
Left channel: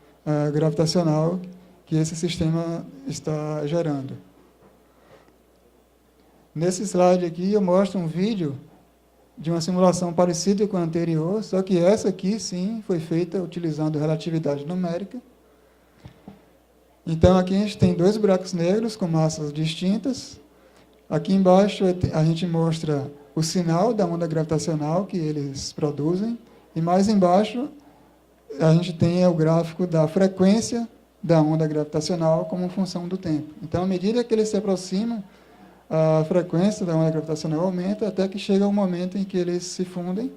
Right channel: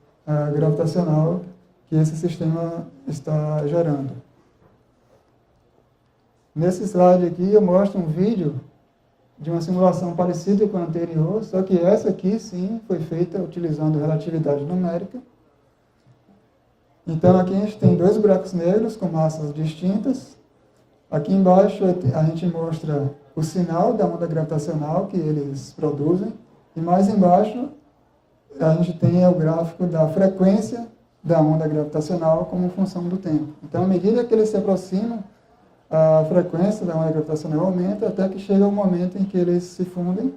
gravitacional que esse sistema está gerando. Nesse slide aqui, eu mostro um vídeo de uma simulação parecida com a anterior, só que essa aqui, sim, foi feita utilizando relatividade numérica. Então, aqui a gente tem 2 buracos negros com massas distintas. Aqui embaixo a gente mostra o sinal da onda gravitacional que eles produzem. E mais embaixo a gente tem o gráfico da frequência da onda gravitacional como função do tempo. Então, à medida que eles se aproximam, a frequência da onda gravitacional aumenta até que chega o momento em que eles se fundem.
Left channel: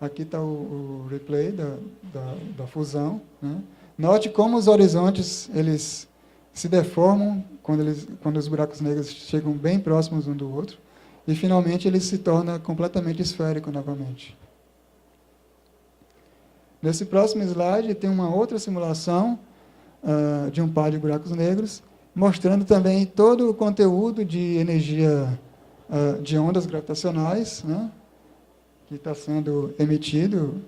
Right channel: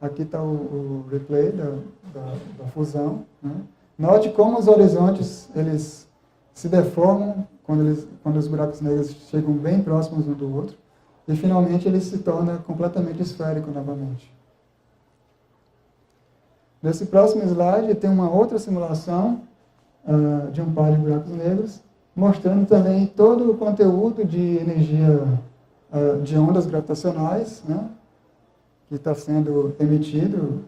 Aqui está o replay da fusão. Né? Note como os horizontes eles se deformam quando os buracos negros chegam bem próximos um do outro. E, finalmente, ele se torna completamente esférico novamente. Nesse próximo slide, tem uma outra simulação de um par de buracos negros, mostrando também todo o conteúdo de energia de ondas gravitacionais, né, que está sendo emitido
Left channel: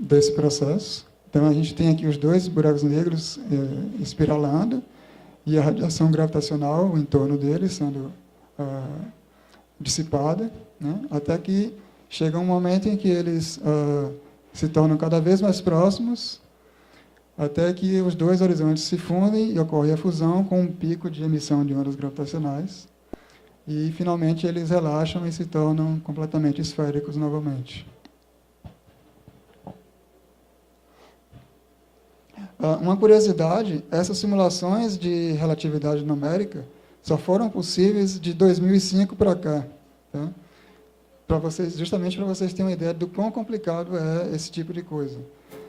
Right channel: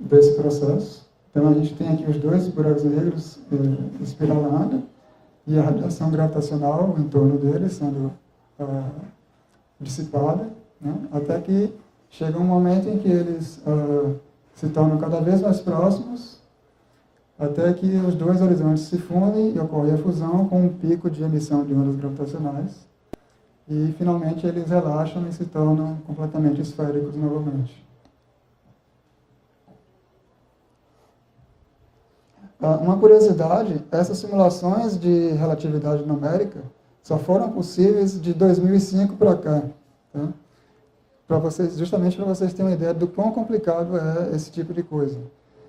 desse processo. Então, a gente tem aqui os 2 buracos negros espiralando e a radiação gravitacional em torno deles sendo dissipada, né, até que chega um momento em que eles se tornam cada vez mais próximos, até que os 2 horizontes se fundem e ocorre a fusão com um pico de emissão de ondas gravitacionais. E, finalmente, eles relaxam e se tornam completamente esféricos novamente. Uma curiosidade, essas simulações de relatividade numérica só foram possíveis de 2005 para cá. Tá? Justamente para vocês terem uma ideia do quão complicado é esse tipo de coisa.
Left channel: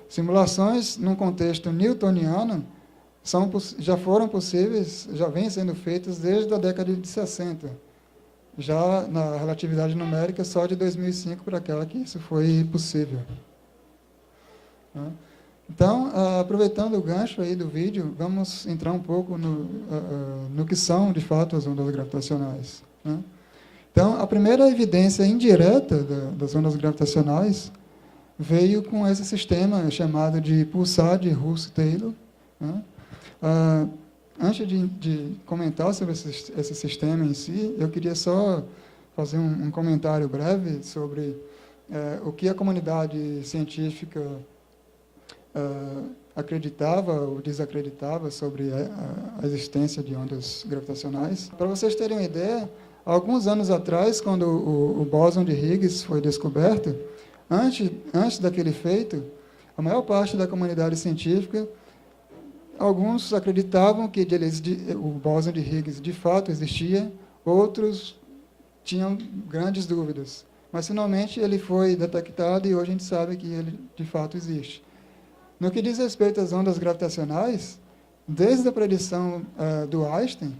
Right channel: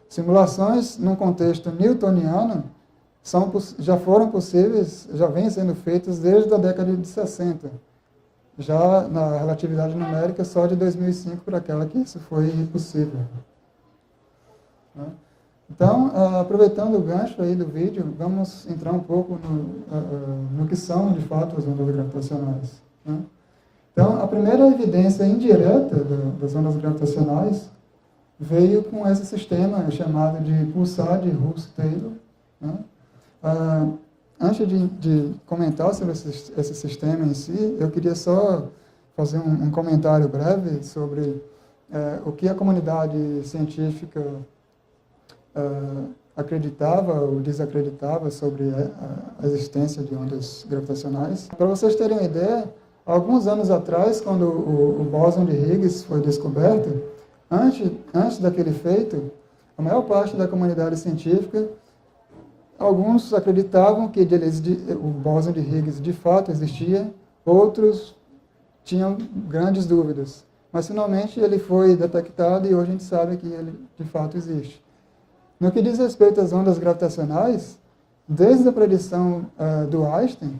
Simulações num contexto newtoniano já foram possíveis, já vêm sendo feitas desde a década de 60. Já na relatividade numérica, só de 2005 para aquela que isso foi possível. Então, aproveitando o gancho aí do vídeo, vamos entrar um pouco no que são, de fato, as ondas gravitacionais. Então, a primeira evidência indireta das ondas gravitacionais veio com esse sistema chamado de pulsar de Russell-Taylor. Antes de comentar sobre esse sistema em si, eu queria só fazer um comentário breve sobre o que a comunidade científica acreditava ou desacreditava sobre a existência de ondas gravitacionais. Para vocês terem uma ideia, alguns anos atrás, quando o bóson de Higgs foi descoberto, antes daquele feito, a maior parte da comunidade científica, alguns acreditavam que o bóson de Higgs de fato existia, outros tinham grandes dúvidas. Mas, finalmente, ele foi detectado e hoje a gente sabe que ele de fato existe. No que diz respeito às ondas gravitacionais, desde a predição do Einstein,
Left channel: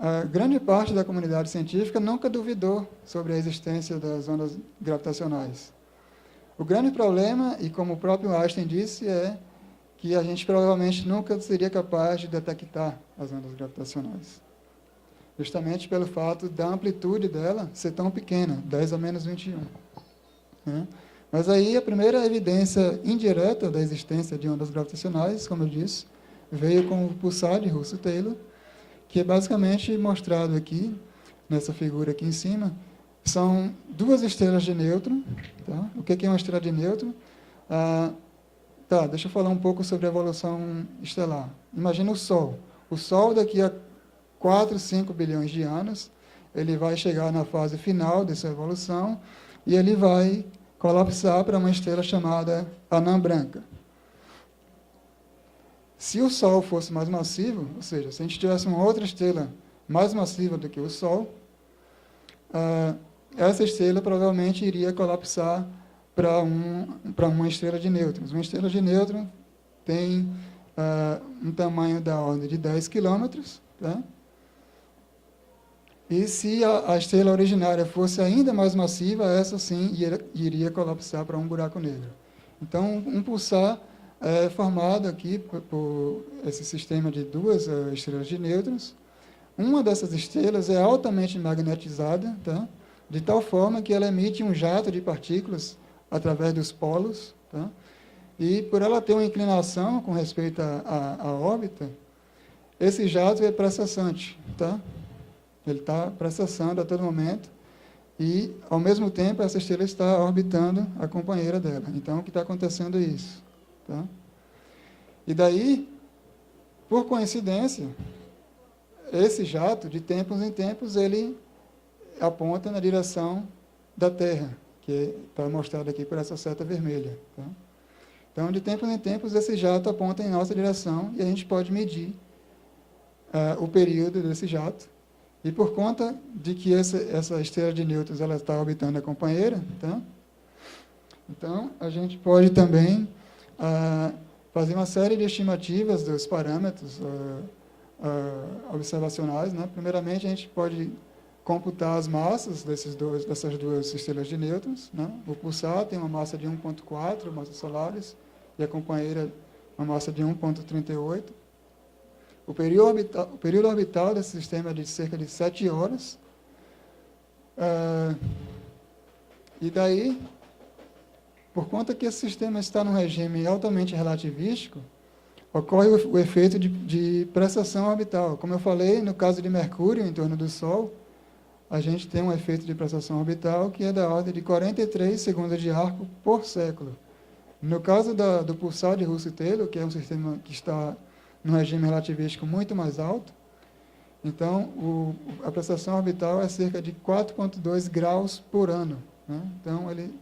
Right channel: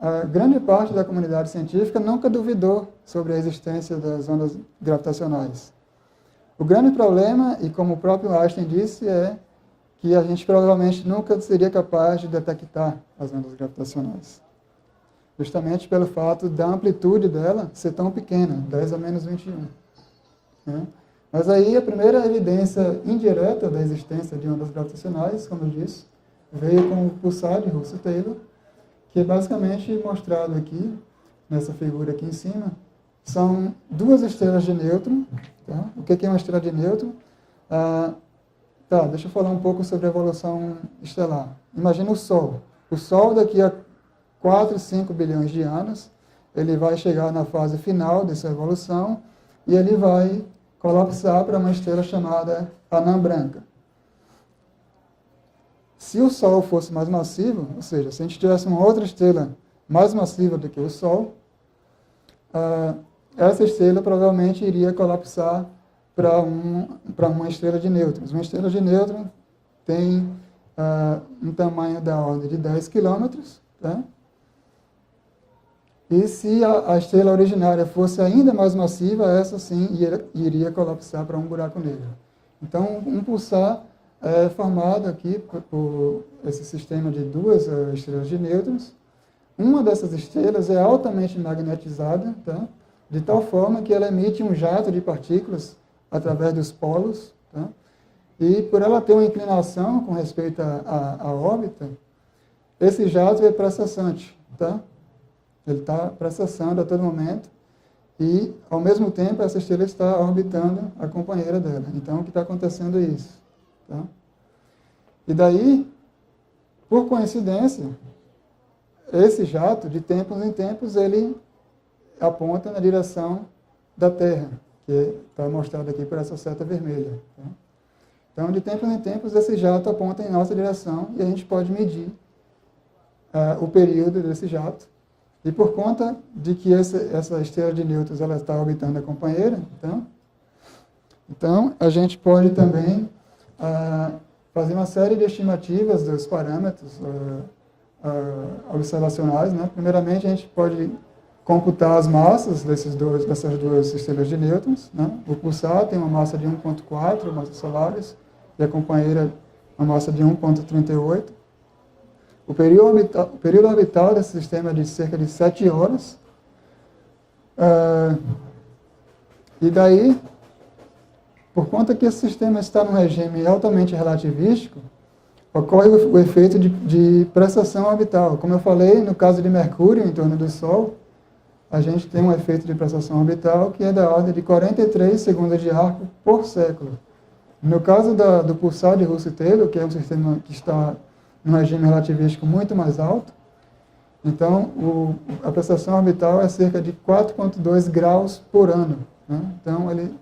a grande parte da comunidade científica nunca duvidou sobre a existência das ondas gravitacionais. O grande problema, e como o próprio Einstein disse, é que a gente provavelmente nunca seria capaz de detectar as ondas gravitacionais. Justamente pelo fato da amplitude dela ser tão pequena, 10 a menos 21. Né? Mas aí a primeira evidência indireta da existência de ondas gravitacionais, como eu disse, veio com o pulsar de Russell-Taylor, que é basicamente mostrado aqui, nessa figura aqui em cima. São duas estrelas de nêutron. Tá? O que é uma estrela de nêutron? Deixa eu falar um pouco sobre a evolução estelar. Imagina o Sol. O Sol, daqui a 4, 5 bilhões de anos, ele vai chegar na fase final dessa evolução e ele vai colapsar para uma estrela chamada anã branca. Se o Sol fosse mais massivo, ou seja, se a gente tivesse uma outra estrela mais massiva do que o Sol, essa estrela provavelmente iria colapsar para uma estrela de nêutrons. Uma estrela de nêutrons tem um tamanho da ordem de 10 quilômetros, né? E se a estrela originária fosse ainda mais massiva, essa sim iria colapsar para um buraco negro. Então, um pulsar é formado aqui por esse sistema de duas estrelas de nêutrons. Uma dessas estrelas é altamente magnetizada, tá? De tal forma que ela emite um jato de partículas através dos polos. Tá? E por ela ter uma inclinação com respeito à órbita, esse jato é precessante. Tá? Ele está precessando a todo momento e, ao mesmo tempo, essa estrela está orbitando a companheira dela. Então, o que está acontecendo é isso. Tá? E daí, por coincidência, esse jato, de tempos em tempos, ele aponta na direção da Terra, que está mostrado aqui por essa seta vermelha. Tá? Então, de tempos em tempos, esse jato aponta em nossa direção e a gente pode medir o período desse jato. E por conta de que essa estrela de nêutrons ela está orbitando a companheira, então a gente pode também fazer uma série de estimativas dos parâmetros observacionais. Né? Primeiramente, a gente pode computar as massas dessas duas estrelas de nêutrons. Né? O pulsar tem uma massa de 1,4 massas solares e a companheira uma massa de 1,38. O período orbital desse sistema é de cerca de 7 horas. E daí, por conta que esse sistema está num regime altamente relativístico, ocorre o efeito de precessão orbital. Como eu falei, no caso de Mercúrio, em torno do Sol, a gente tem um efeito de precessão orbital que é da ordem de 43 segundos de arco por século. No caso do pulsar de Russell-Taylor, que é um sistema que está num regime relativístico muito mais alto, então a precessão orbital é cerca de 4,2 graus por ano. Né? Então, ele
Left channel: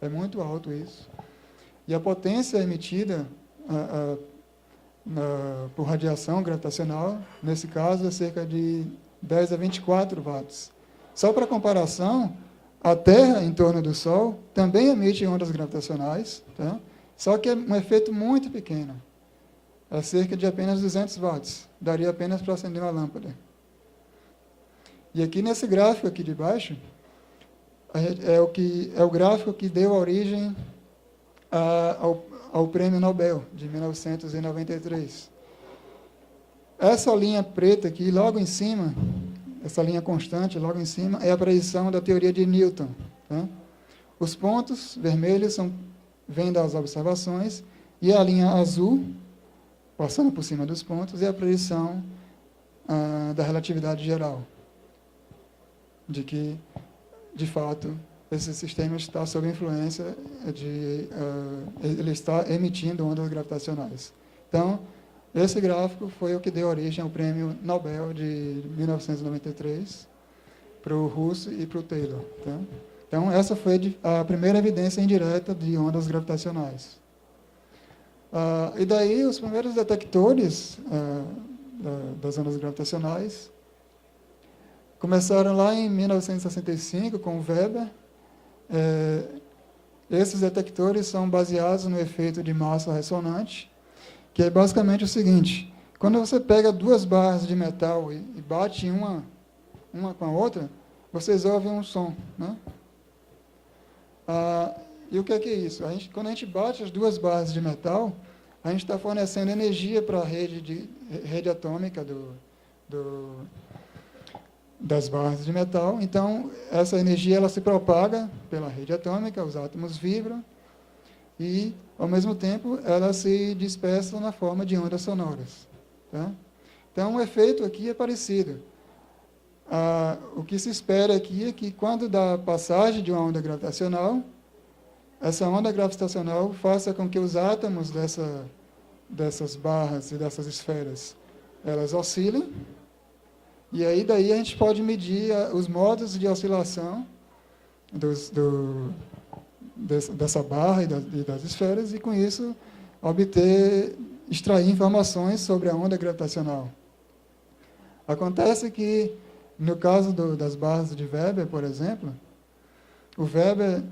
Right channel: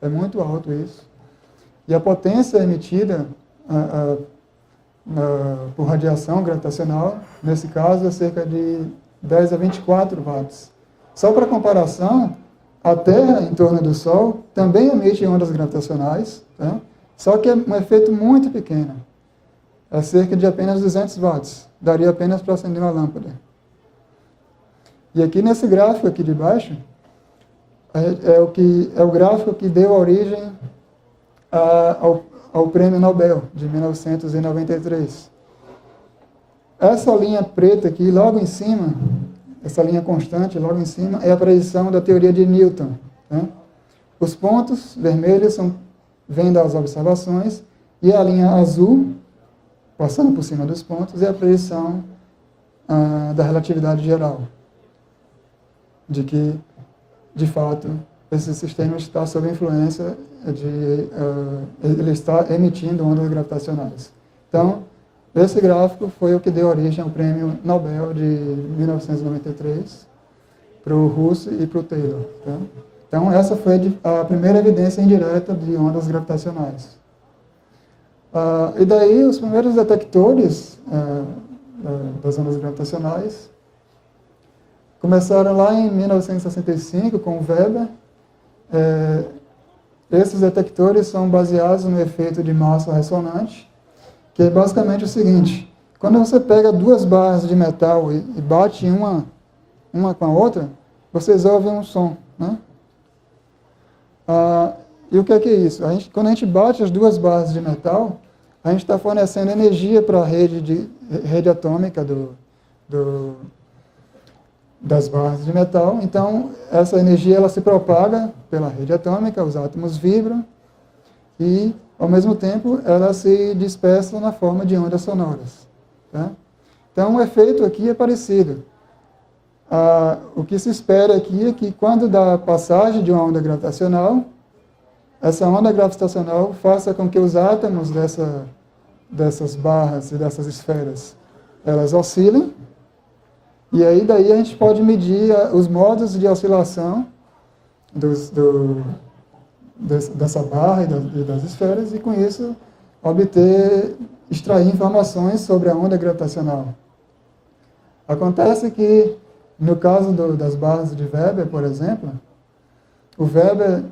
é muito alto isso. E a potência emitida por radiação gravitacional, nesse caso, é cerca de 10 a 24 watts. Só para comparação, a Terra, em torno do Sol, também emite ondas gravitacionais, tá? Só que é um efeito muito pequeno. É cerca de apenas 200 watts. Daria apenas para acender uma lâmpada. E aqui nesse gráfico aqui de baixo, é o gráfico que deu origem ao Prêmio Nobel de 1993. Essa linha preta aqui, logo em cima, essa linha constante, logo em cima, é a predição da teoria de Newton. Né? Os pontos vermelhos vêm das observações e a linha azul, passando por cima dos pontos, é a predição da relatividade geral. De que, de fato, esse sistema está sob influência ele está emitindo ondas gravitacionais. Então, esse gráfico foi o que deu origem ao Prêmio Nobel de 1993 para o Russell e para o Taylor. Então, essa foi a primeira evidência indireta de ondas gravitacionais. E daí, os primeiros detectores das ondas gravitacionais começaram lá em 1965 com o Weber. Esses detectores são baseados no efeito de massa ressonante, que é basicamente o seguinte: Quando você pega duas barras de metal e bate uma com a outra, vocês ouvem um som, né? E o que é isso? Quando a gente bate as duas barras de metal, a gente está fornecendo energia para a rede atômica das barras de metal. Então, essa energia ela se propaga pela rede atômica, os átomos vibram e, ao mesmo tempo, ela se dispersa na forma de ondas sonoras. Tá? Então, o efeito aqui é parecido. O que se espera aqui é que, quando dá a passagem de uma onda gravitacional, essa onda gravitacional faça com que os átomos dessas barras e dessas esferas, elas oscilem, e aí daí a gente pode medir os modos de oscilação dessa barra e das esferas, e com isso extrair informações sobre a onda gravitacional. Acontece que, no caso das barras de Weber, por exemplo, o Weber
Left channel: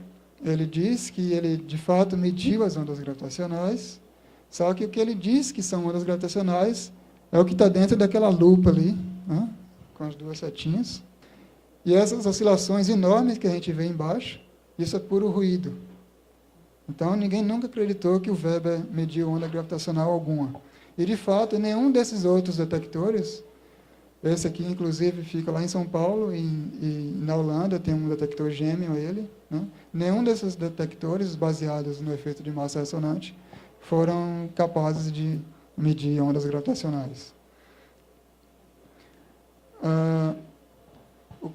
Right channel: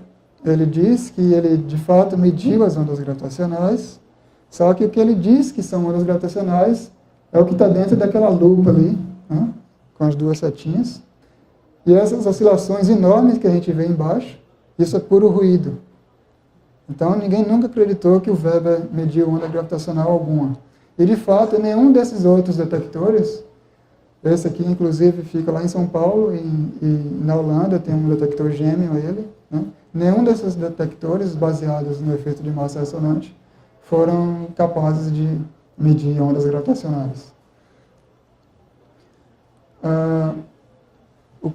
ele diz que ele de fato mediu as ondas gravitacionais, só que o que ele diz que são ondas gravitacionais é o que está dentro daquela lupa ali, né, com as duas setinhas. E essas oscilações enormes que a gente vê embaixo, isso é puro ruído. Então, ninguém nunca acreditou que o Weber mediu onda gravitacional alguma. E, de fato, nenhum desses outros detectores, esse aqui, inclusive, fica lá em São Paulo, e na Holanda tem um detector gêmeo a ele, né? Nenhum desses detectores, baseados no efeito de massa ressonante, foram capazes de medir ondas gravitacionais. O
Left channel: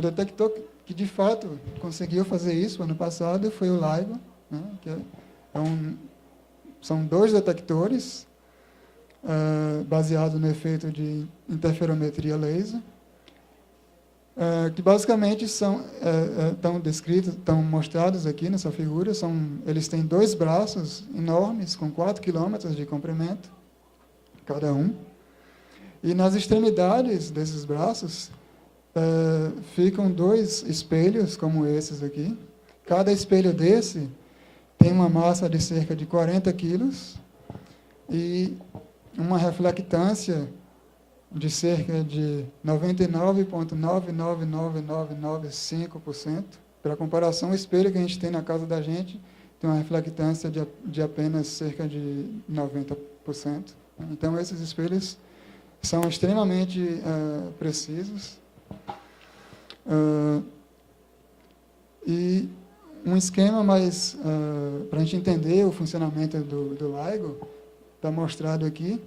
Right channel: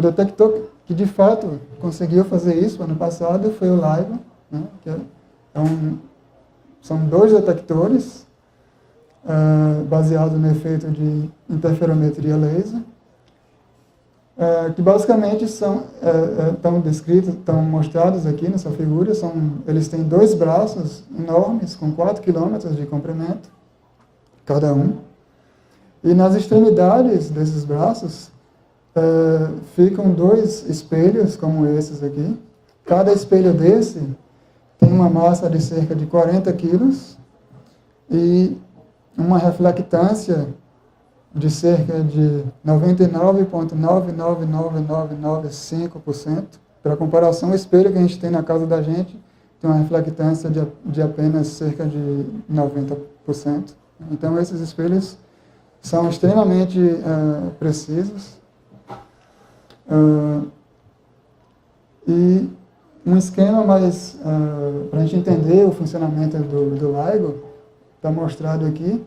detector que, de fato, conseguiu fazer isso ano passado foi o LIGO, né? Que são dois detectores baseados no efeito de interferometria laser, que basicamente estão mostrados aqui nessa figura. Eles têm dois braços enormes, com 4 km de comprimento, cada um. E nas extremidades desses braços ficam dois espelhos, como esses aqui. Cada espelho desse tem uma massa de cerca de 40 quilos e uma reflectância de cerca de 99,999995%. Para comparação, o espelho que a gente tem na casa da gente tem uma reflectância de apenas cerca de 90%. Então, esses espelhos são extremamente precisos. E um esquema mais, para a gente entender o funcionamento do LIGO, está mostrado aqui.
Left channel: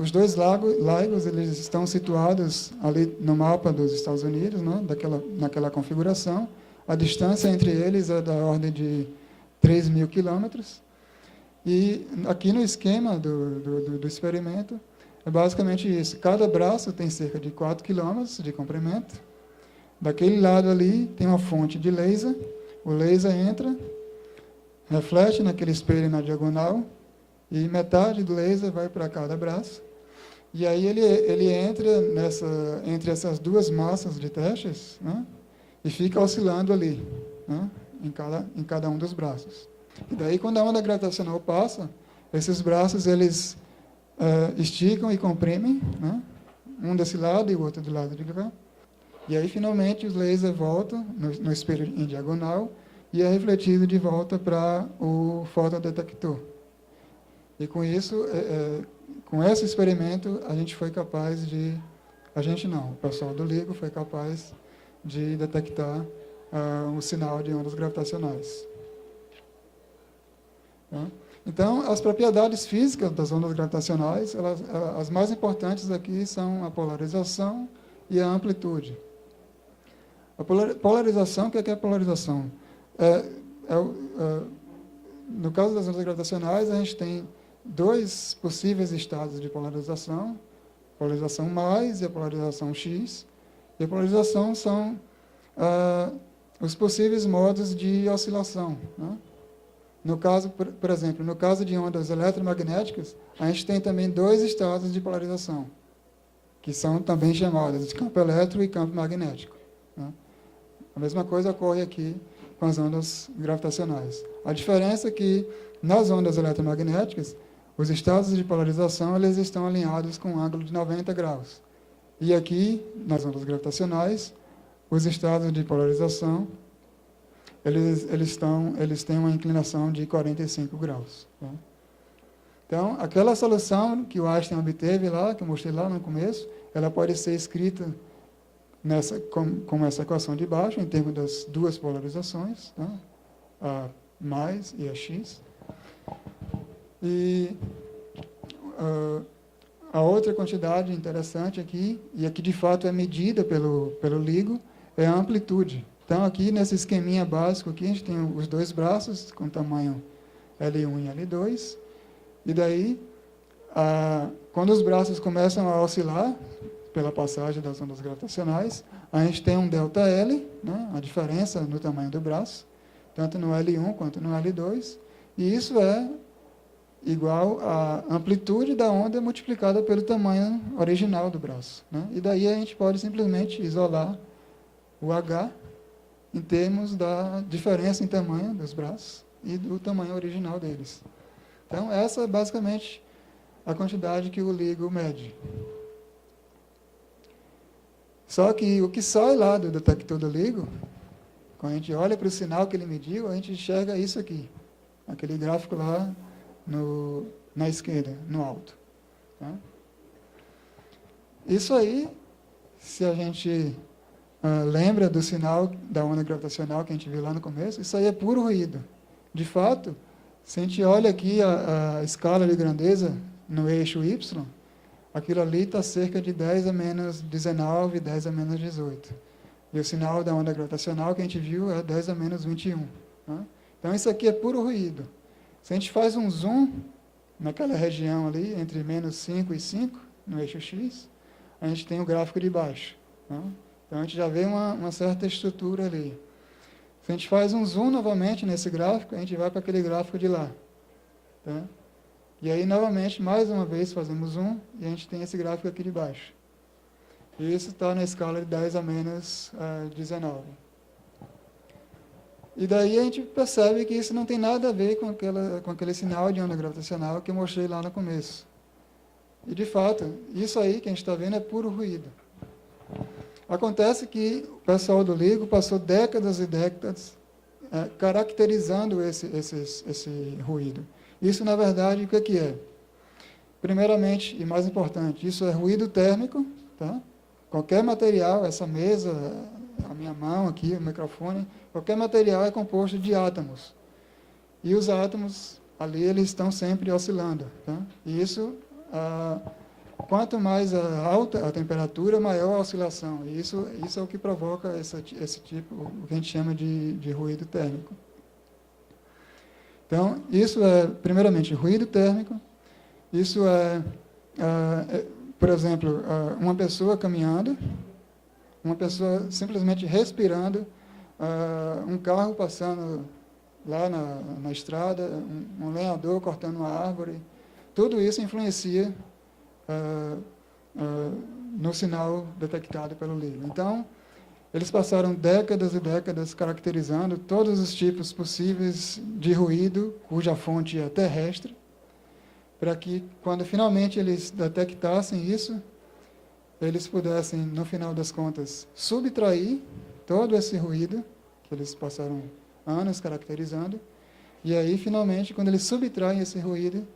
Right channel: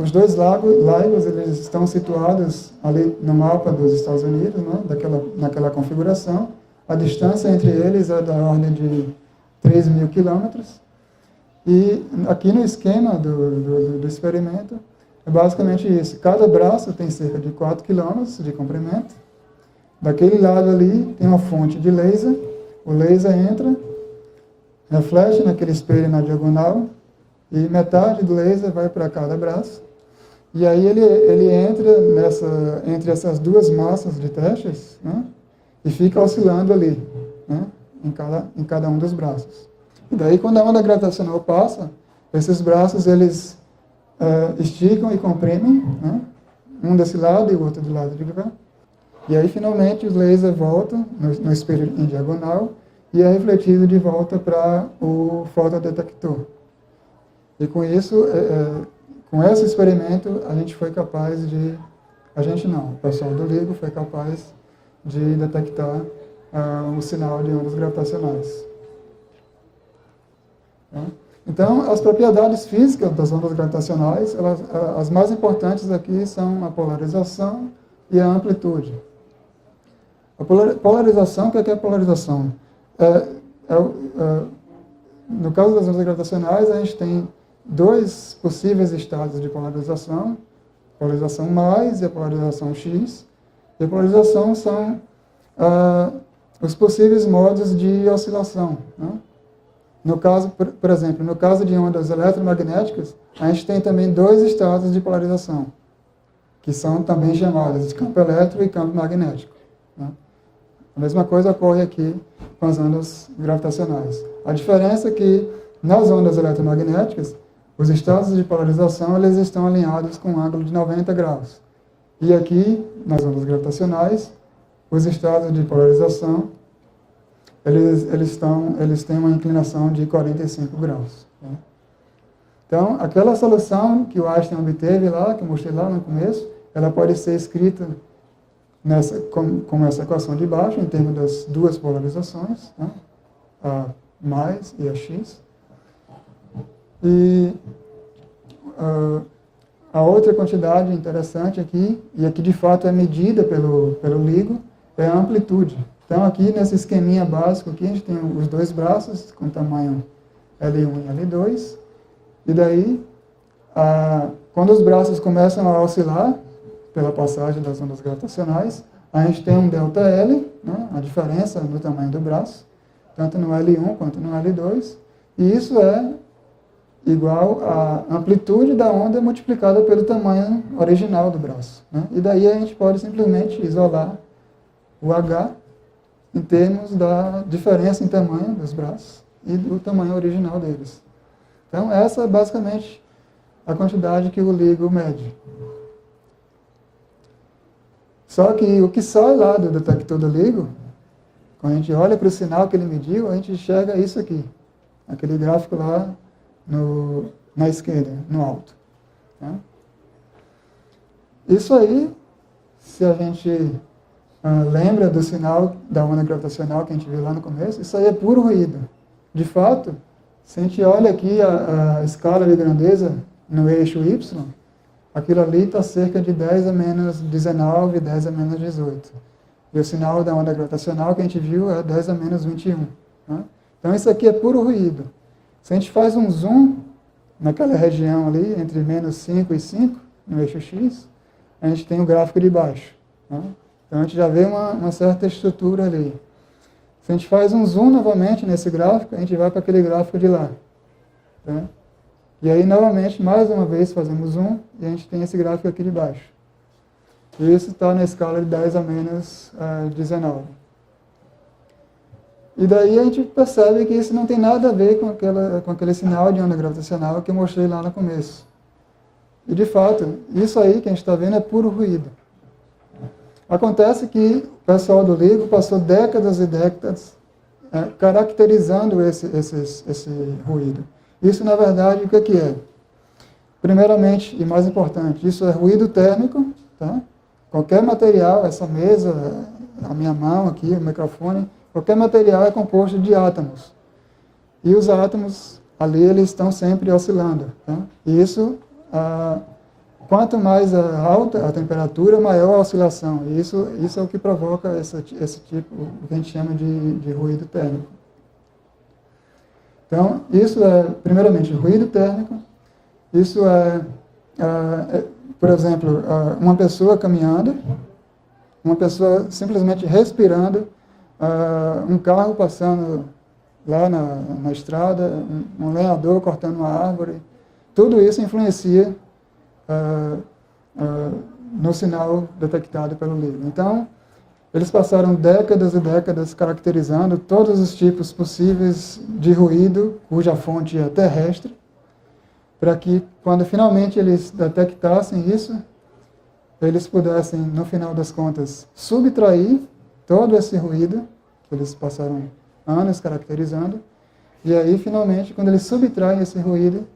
Os dois LIGOs eles estão situados ali no mapa dos Estados Unidos, né, naquela configuração. A distância entre eles é da ordem de 3.000 quilômetros. E aqui no esquema do experimento, é basicamente isso. Cada braço tem cerca de 4 quilômetros de comprimento. Daquele lado ali tem uma fonte de laser. O laser entra, reflete naquele espelho na diagonal, e metade do laser vai para cada braço. E aí ele entra entre essas duas massas de testes, né, e fica oscilando ali, né, em cada um dos braços. E daí, quando a onda gravitacional passa, esses braços eles esticam e comprimem, né, um desse lado e o outro do lado de cá. E aí, finalmente, o laser volta no espelho em diagonal e é refletido de volta para o fotodetector. E com isso, com esse experimento, a gente foi capaz de... A gente não, o pessoal do LIGO foi capaz de detectar um sinal de ondas gravitacionais. Então, as propriedades físicas das ondas gravitacionais, as mais importantes aqui são a polarização e a amplitude. A polarização, o que é a polarização? No caso das ondas gravitacionais, a gente tem dois possíveis estados de polarização, a polarização mais e a polarização X. E a polarização são os possíveis modos de oscilação, né? No caso, por exemplo, no caso de ondas eletromagnéticas, a gente tem também dois estados de polarização, que são também chamados de campo elétrico e campo magnético, né? A mesma coisa ocorre aqui com as ondas gravitacionais. A diferença é que, nas ondas eletromagnéticas, os estados de polarização eles estão alinhados com um ângulo de 90 graus. E aqui, nas ondas gravitacionais, os estados de polarização eles têm uma inclinação de 45 graus. Né? Então, aquela solução que o Einstein obteve lá, que eu mostrei lá no começo, ela pode ser escrita com essa equação de baixo, em termos das duas polarizações, né? A mais e a x. E a outra quantidade interessante aqui, e aqui de fato é medida pelo LIGO, é a amplitude. Então aqui nesse esqueminha básico, aqui a gente tem os dois braços com tamanho L1 e L2, e daí, quando os braços começam a oscilar, pela passagem das ondas gravitacionais, a gente tem um ΔL, né, a diferença no tamanho do braço, tanto no L1 quanto no L2, e isso é igual à amplitude da onda multiplicada pelo tamanho original do braço. Né? E daí a gente pode simplesmente isolar o H em termos da diferença em tamanho dos braços e do tamanho original deles. Então essa é basicamente a quantidade que o LIGO mede. Só que o que sai lá do detector do LIGO, quando a gente olha para o sinal que ele mediu, a gente enxerga isso aqui, aquele gráfico lá na esquerda, no alto. Né? Isso aí, se a gente lembra do sinal da onda gravitacional que a gente viu lá no começo, isso aí é puro ruído. De fato, se a gente olha aqui a escala de grandeza no eixo Y, aquilo ali está cerca de 10 a menos 19, 10 a menos 18. E o sinal da onda gravitacional que a gente viu era 10 a menos 21. Né? Então isso aqui é puro ruído. Se a gente faz um zoom naquela região ali, entre menos 5 e 5, no eixo X, a gente tem o gráfico de baixo. Né? Então a gente já vê uma certa estrutura ali. Se a gente faz um zoom novamente nesse gráfico, a gente vai para aquele gráfico de lá. Né? E aí, novamente, mais uma vez, fazemos zoom e a gente tem esse gráfico aqui de baixo. E isso está na escala de 10 a menos 19. E daí a gente percebe que isso não tem nada a ver com aquele sinal de onda gravitacional que eu mostrei lá no começo. E, de fato, isso aí que a gente está vendo é puro ruído. Acontece que o pessoal do LIGO passou décadas e décadas caracterizando esse ruído. Isso, na verdade, o que é? Primeiramente, e mais importante, isso é ruído térmico. Tá? Qualquer material, essa mesa, a minha mão aqui, o microfone, qualquer material é composto de átomos. E os átomos, ali, eles estão sempre oscilando. Tá? E isso, quanto mais alta a temperatura, maior a oscilação. E isso é o que provoca esse tipo, o que a gente chama de ruído térmico. Então, isso é, primeiramente, ruído térmico. Isso por exemplo, uma pessoa caminhando, uma pessoa simplesmente respirando, um carro passando lá na estrada, um lenhador cortando uma árvore. Tudo isso influencia no sinal detectado pelo LIGO. Então, eles passaram décadas e décadas caracterizando todos os tipos possíveis de ruído, cuja fonte é terrestre, para que, quando finalmente eles detectassem isso, eles pudessem, no final das contas, subtrair todo esse ruído, que eles passaram anos caracterizando, e aí, finalmente, quando eles subtraem esse ruído,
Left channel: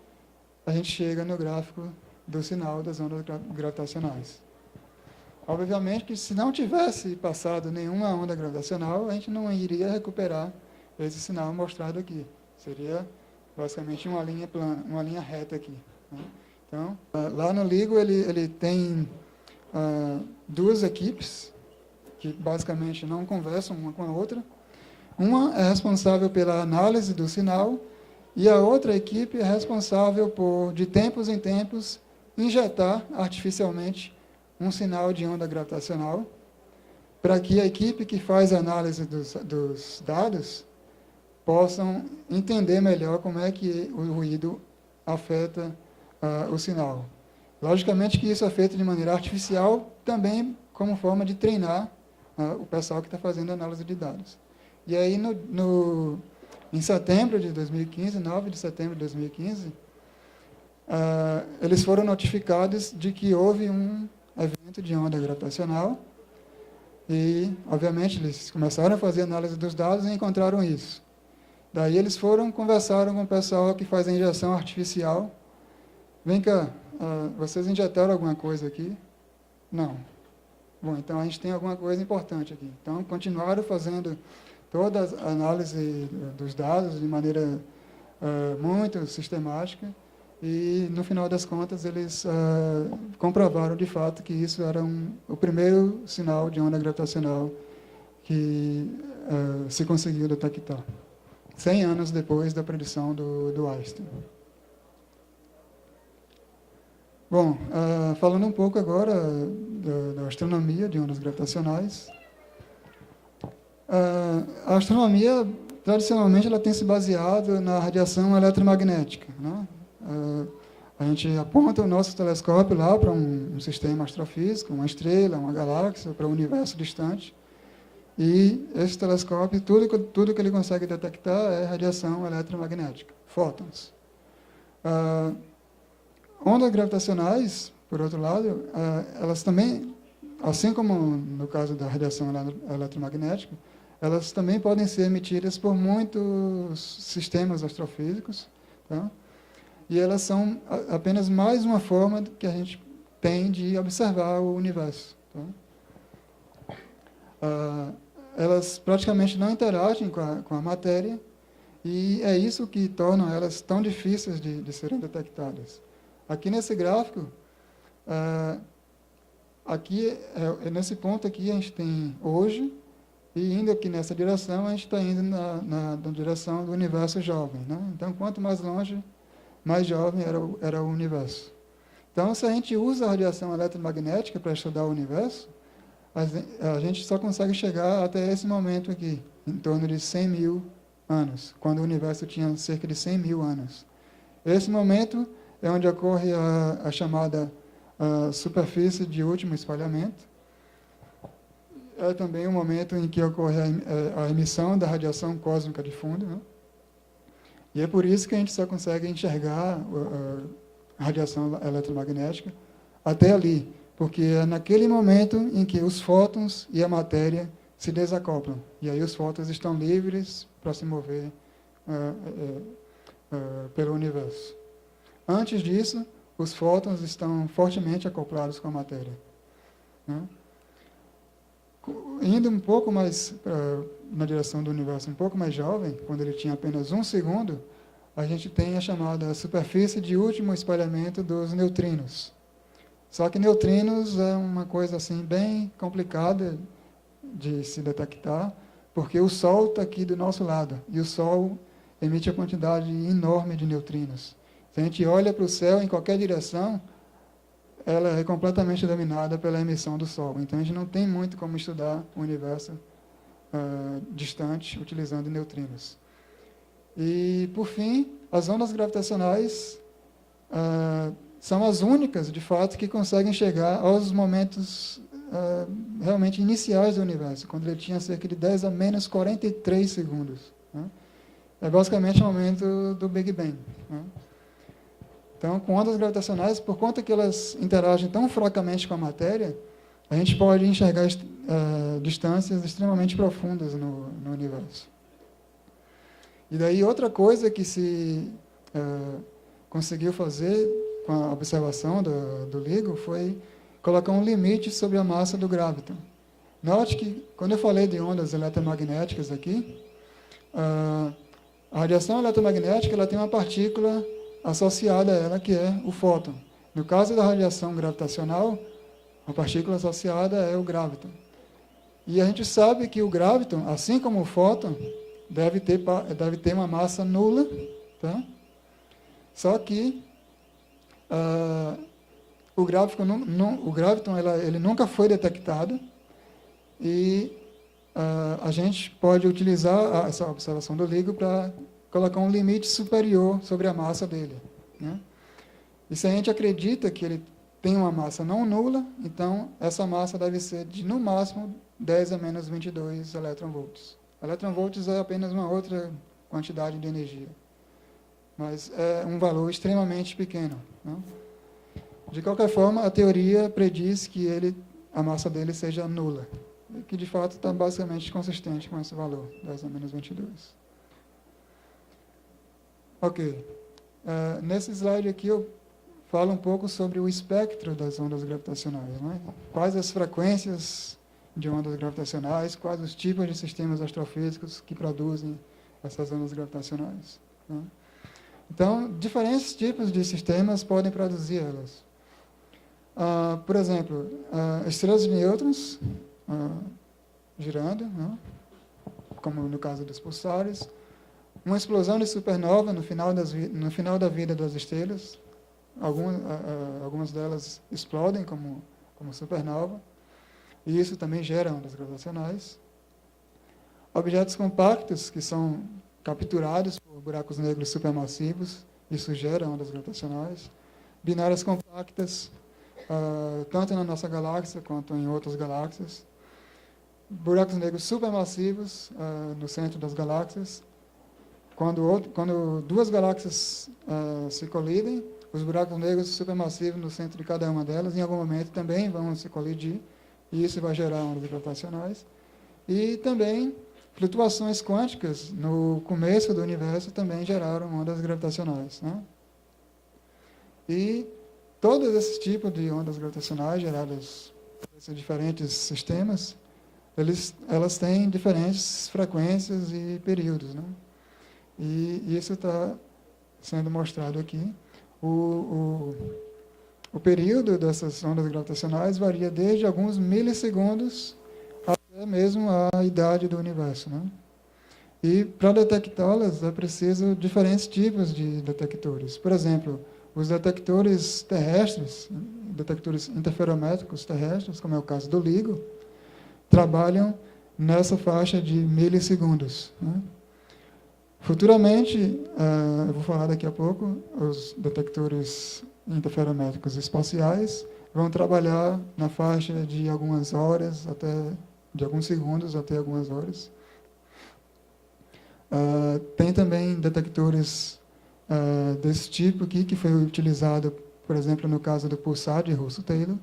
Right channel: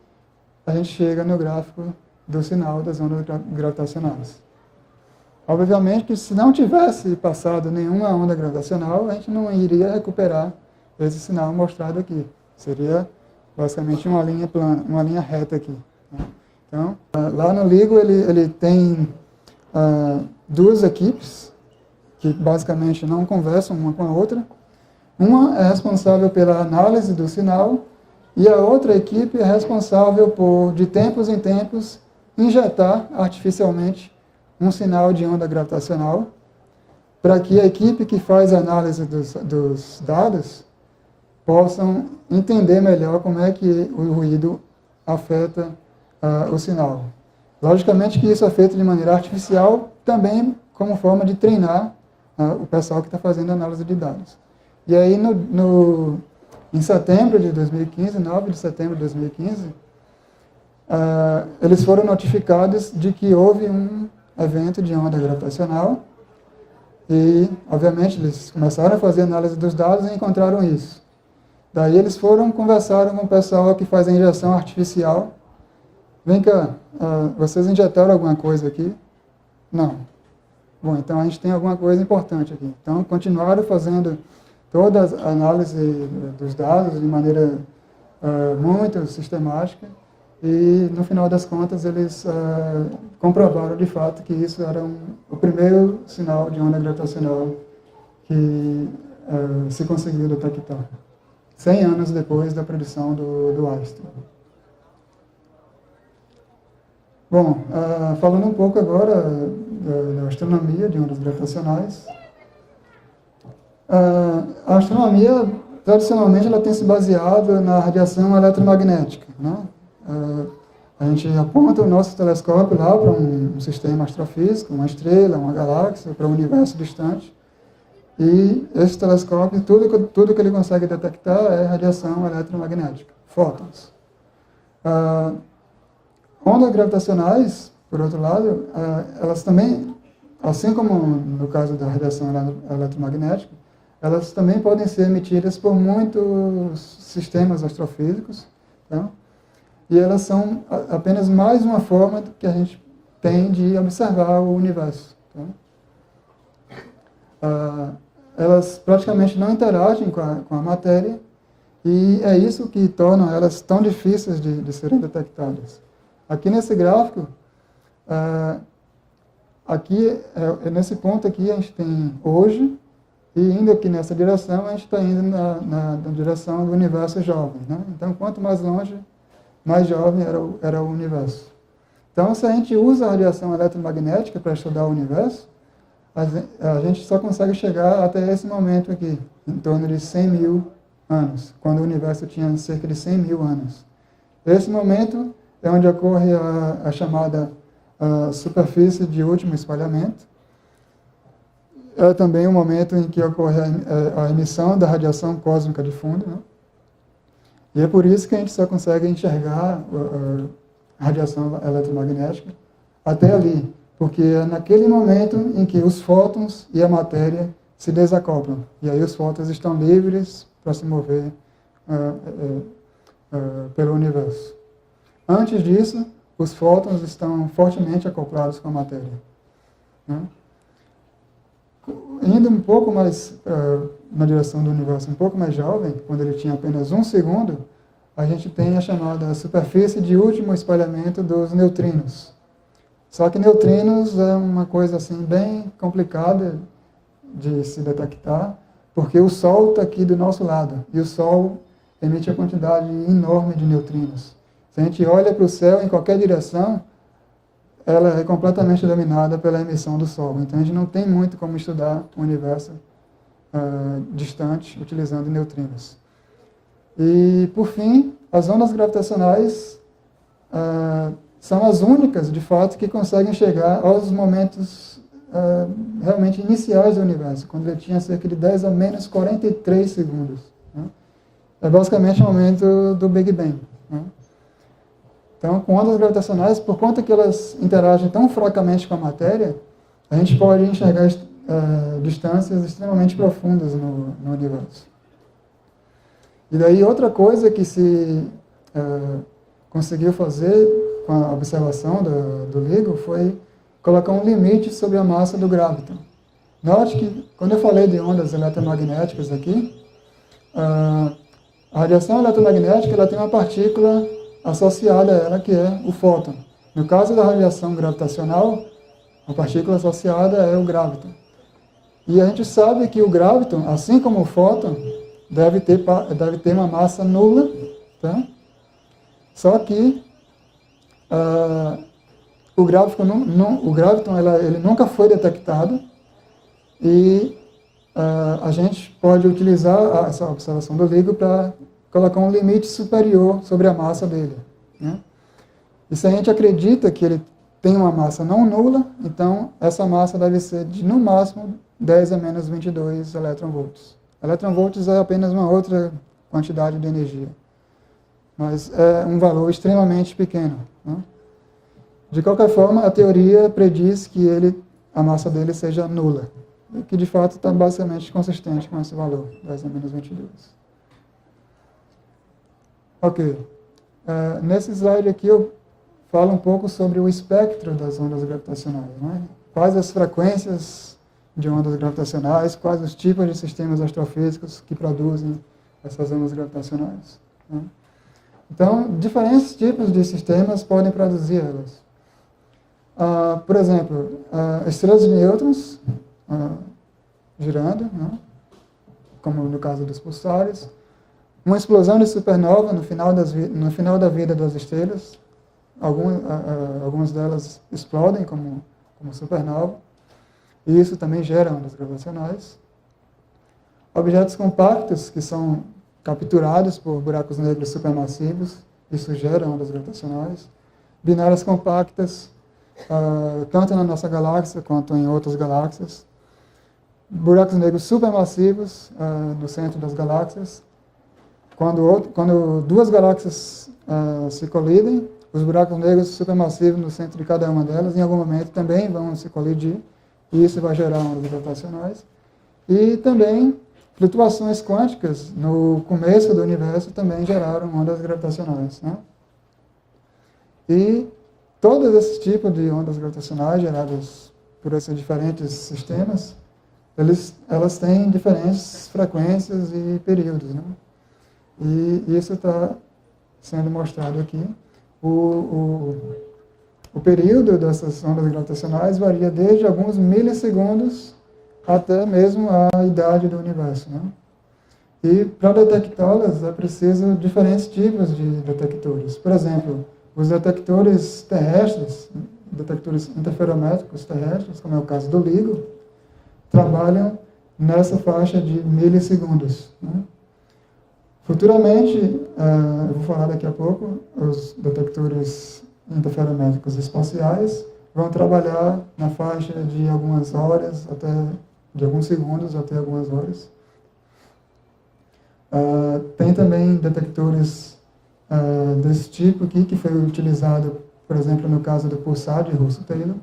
a gente chega no gráfico do sinal das ondas gravitacionais. Obviamente que se não tivesse passado nenhuma onda gravitacional, a gente não iria recuperar esse sinal mostrado aqui. Seria basicamente uma linha plana, uma linha reta aqui. Né? Então, lá no LIGO ele tem duas equipes que basicamente não conversam uma com a outra. Uma é responsável pela análise do sinal e a outra equipe é responsável por, de tempos em tempos, injetar artificialmente um sinal de onda gravitacional para que a equipe que faz a análise dos dados possam entender melhor como é que o ruído afeta o sinal. Logicamente que isso é feito de maneira artificial, também como forma de treinar o pessoal que está fazendo a análise de dados. E aí, em setembro de 2015, 9 de setembro de 2015, eles foram notificados de que houve um evento de onda gravitacional e, obviamente, eles começaram a fazer análise dos dados e encontraram isso. Daí eles conversaram com o pessoal que faz a injeção artificial. Vem cá, vocês injetaram alguma coisa aqui? Não. Bom, então a gente tem alguma coisa importante aqui. Então, continuaram fazendo toda a análise dos dados de maneira muito sistemática e, no final das contas, eles comprovaram de fato que isso era o primeiro sinal de onda gravitacional que se conseguiu detectar, 100 anos depois da predição do Einstein. Bom, falando um pouco agora da astronomia de ondas gravitacionais. A astronomia, tradicionalmente, ela tem se baseado na radiação eletromagnética, né? A gente aponta o nosso telescópio lá para um sistema astrofísico, uma estrela, uma galáxia, para um universo distante. E esse telescópio, tudo que ele consegue detectar é radiação eletromagnética, fótons. Ondas gravitacionais, por outro lado, elas também, assim como no caso da radiação eletromagnética, elas também podem ser emitidas por muitos sistemas astrofísicos, tá? E elas são apenas mais uma forma que a gente tem de observar o universo, tá? Elas praticamente não interagem com a matéria e é isso que torna elas tão difíceis de serem detectadas. Aqui nesse gráfico, nesse ponto aqui a gente tem hoje, e indo aqui nessa direção, a gente está indo na direção do universo jovem, né? Então, quanto mais longe, mais jovem era o universo. Então, se a gente usa a radiação eletromagnética para estudar o universo, a gente só consegue chegar até esse momento aqui, em torno de 100 mil anos, quando o universo tinha cerca de 100 mil anos. Esse momento é onde ocorre a chamada superfície de último espalhamento. É também o momento em que ocorre a emissão da radiação cósmica de fundo, né? E é por isso que a gente só consegue enxergar a radiação eletromagnética até ali, porque é naquele momento em que os fótons e a matéria se desacoplam. E aí os fótons estão livres para se mover pelo universo. Antes disso, os fótons estão fortemente acoplados com a matéria, né? Indo um pouco mais na direção do universo, um pouco mais jovem, quando ele tinha apenas 1 segundo, a gente tem a chamada superfície de último espalhamento dos neutrinos. Só que neutrinos é uma coisa assim bem complicada de se detectar, porque o Sol está aqui do nosso lado, e o Sol emite uma quantidade enorme de neutrinos. Se a gente olha para o céu em qualquer direção, ela é completamente dominada pela emissão do Sol. Então, a gente não tem muito como estudar o universo distante utilizando neutrinos. E, por fim, as ondas gravitacionais são as únicas, de fato, que conseguem chegar aos momentos realmente iniciais do universo, quando ele tinha cerca de 10 a menos 43 segundos, né? É basicamente o momento do Big Bang, né? Então, com ondas gravitacionais, por conta que elas interagem tão fracamente com a matéria, a gente pode enxergar distâncias extremamente profundas no universo. E daí, outra coisa que se conseguiu fazer com a observação do LIGO foi colocar um limite sobre a massa do graviton. Note que, quando eu falei de ondas eletromagnéticas aqui, a radiação eletromagnética ela tem uma partícula associada a ela, que é o fóton. No caso da radiação gravitacional, a partícula associada é o graviton. E a gente sabe que o graviton, assim como o fóton, deve ter uma massa nula, tá? Só que o graviton ele nunca foi detectado e a gente pode utilizar essa observação do LIGO para colocar um limite superior sobre a massa dele, né? E se a gente acredita que ele tem uma massa não nula, então essa massa deve ser de, no máximo, 10 a menos 22 eletronvolts. Eletronvolts é apenas uma outra quantidade de energia. mas é um valor extremamente pequeno, né? De qualquer forma, a teoria prediz que a massa dele seja nula, e que de fato está basicamente consistente com esse valor, 10 a menos 22. Ok. Nesse slide aqui eu falo um pouco sobre o espectro das ondas gravitacionais, né? Quais as frequências de ondas gravitacionais, quais os tipos de sistemas astrofísicos que produzem essas ondas gravitacionais, né? Então, diferentes tipos de sistemas podem produzir elas. Por exemplo, estrelas de nêutrons girando, né? Como no caso dos pulsares, uma explosão de supernova no final da vida das estrelas. Algumas delas explodem como supernova, e isso também gera ondas gravitacionais. Objetos compactos que são capturados por buracos negros supermassivos, isso gera ondas gravitacionais. Binárias compactas, tanto na nossa galáxia quanto em outras galáxias. Buracos negros supermassivos no centro das galáxias. Quando duas galáxias se colidem, os buracos negros supermassivos no centro de cada uma delas, em algum momento também vão se colidir, e isso vai gerar ondas gravitacionais. E também flutuações quânticas no começo do universo também geraram ondas gravitacionais, né? E todos esses tipos de ondas gravitacionais geradas por esses diferentes sistemas, elas têm diferentes frequências e períodos, né? E isso está sendo mostrado aqui. O período dessas ondas gravitacionais varia desde alguns milissegundos até mesmo a idade do universo, né? E para detectá-las é preciso diferentes tipos de detectores. Por exemplo, os detectores terrestres, detectores interferométricos terrestres, como é o caso do LIGO, trabalham nessa faixa de milissegundos, né? Futuramente, eu vou falar daqui a pouco, os detectores interferométricos espaciais vão trabalhar na faixa de algumas horas, de alguns segundos até algumas horas. Tem também detectores desse tipo aqui, que foi utilizado, por exemplo, no caso do pulsar de Russell-Taylor.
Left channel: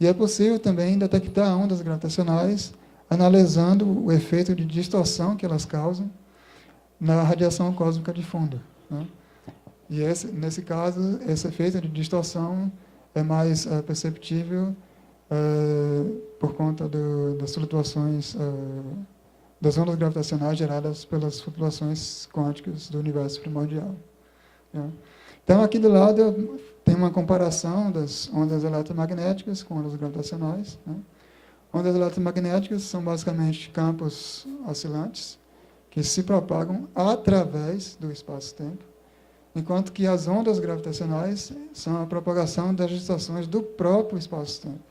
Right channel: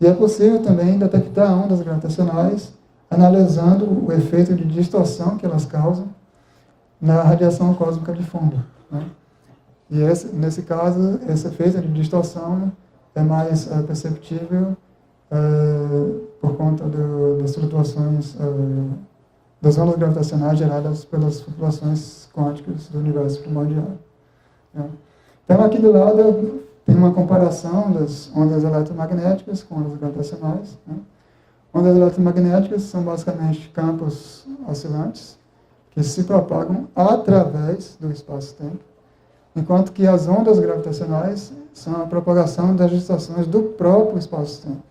E é possível também detectar ondas gravitacionais analisando o efeito de distorção que elas causam na radiação cósmica de fundo, né? E nesse caso, esse efeito de distorção é mais perceptível por conta das flutuações, das ondas gravitacionais geradas pelas flutuações quânticas do universo primordial, né? Então, aqui do lado tem uma comparação das ondas eletromagnéticas com ondas gravitacionais, né? Ondas eletromagnéticas são basicamente campos oscilantes que se propagam através do espaço-tempo, enquanto que as ondas gravitacionais são a propagação das distorções do próprio espaço-tempo,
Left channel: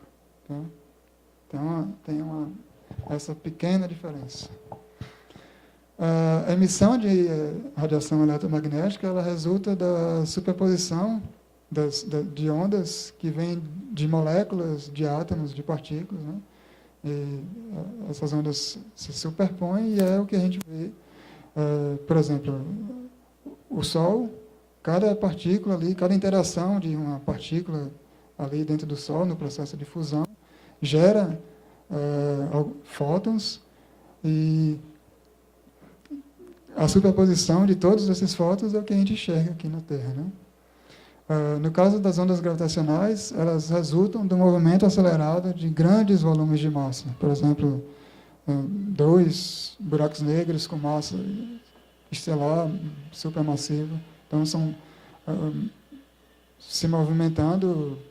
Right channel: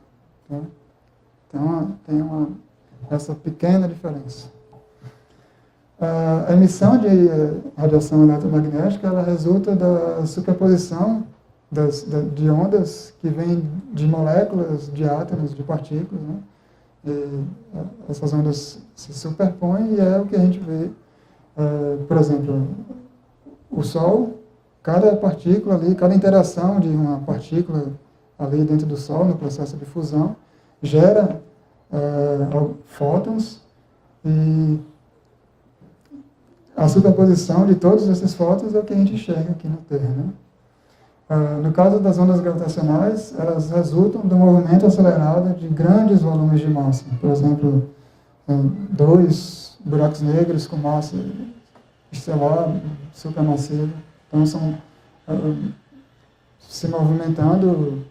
né? Então, tem essa pequena diferença. A emissão de radiação eletromagnética ela resulta da superposição de ondas que vêm de moléculas, de átomos, de partículas, né? E essas ondas se superpõem e é o que a gente vê, por exemplo, o Sol, cada partícula ali, cada interação de uma partícula ali dentro do Sol, no processo de fusão, gera fótons, e a superposição de todos esses fótons é o que a gente enxerga aqui na Terra, né? No caso das ondas gravitacionais, elas resultam do movimento acelerado de grandes volumes de massa. Por exemplo, 2 buracos negros com massa estelar supermassiva. Então, são se movimentando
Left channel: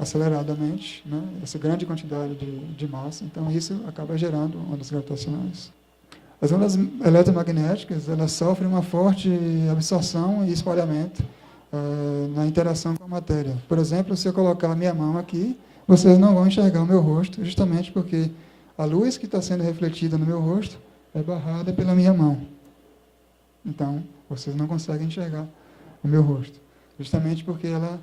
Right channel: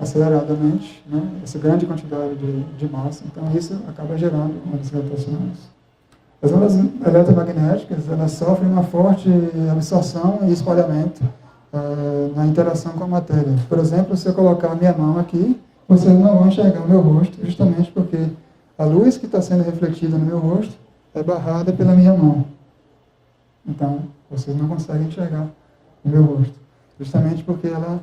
aceleradamente, né? Essa grande quantidade de massa. Então, isso acaba gerando ondas gravitacionais. As ondas eletromagnéticas, elas sofrem uma forte absorção e espalhamento na interação com a matéria. Por exemplo, se eu colocar a minha mão aqui, vocês não vão enxergar o meu rosto, justamente porque a luz que está sendo refletida no meu rosto é barrada pela minha mão. Então, vocês não conseguem enxergar o meu rosto, justamente porque ela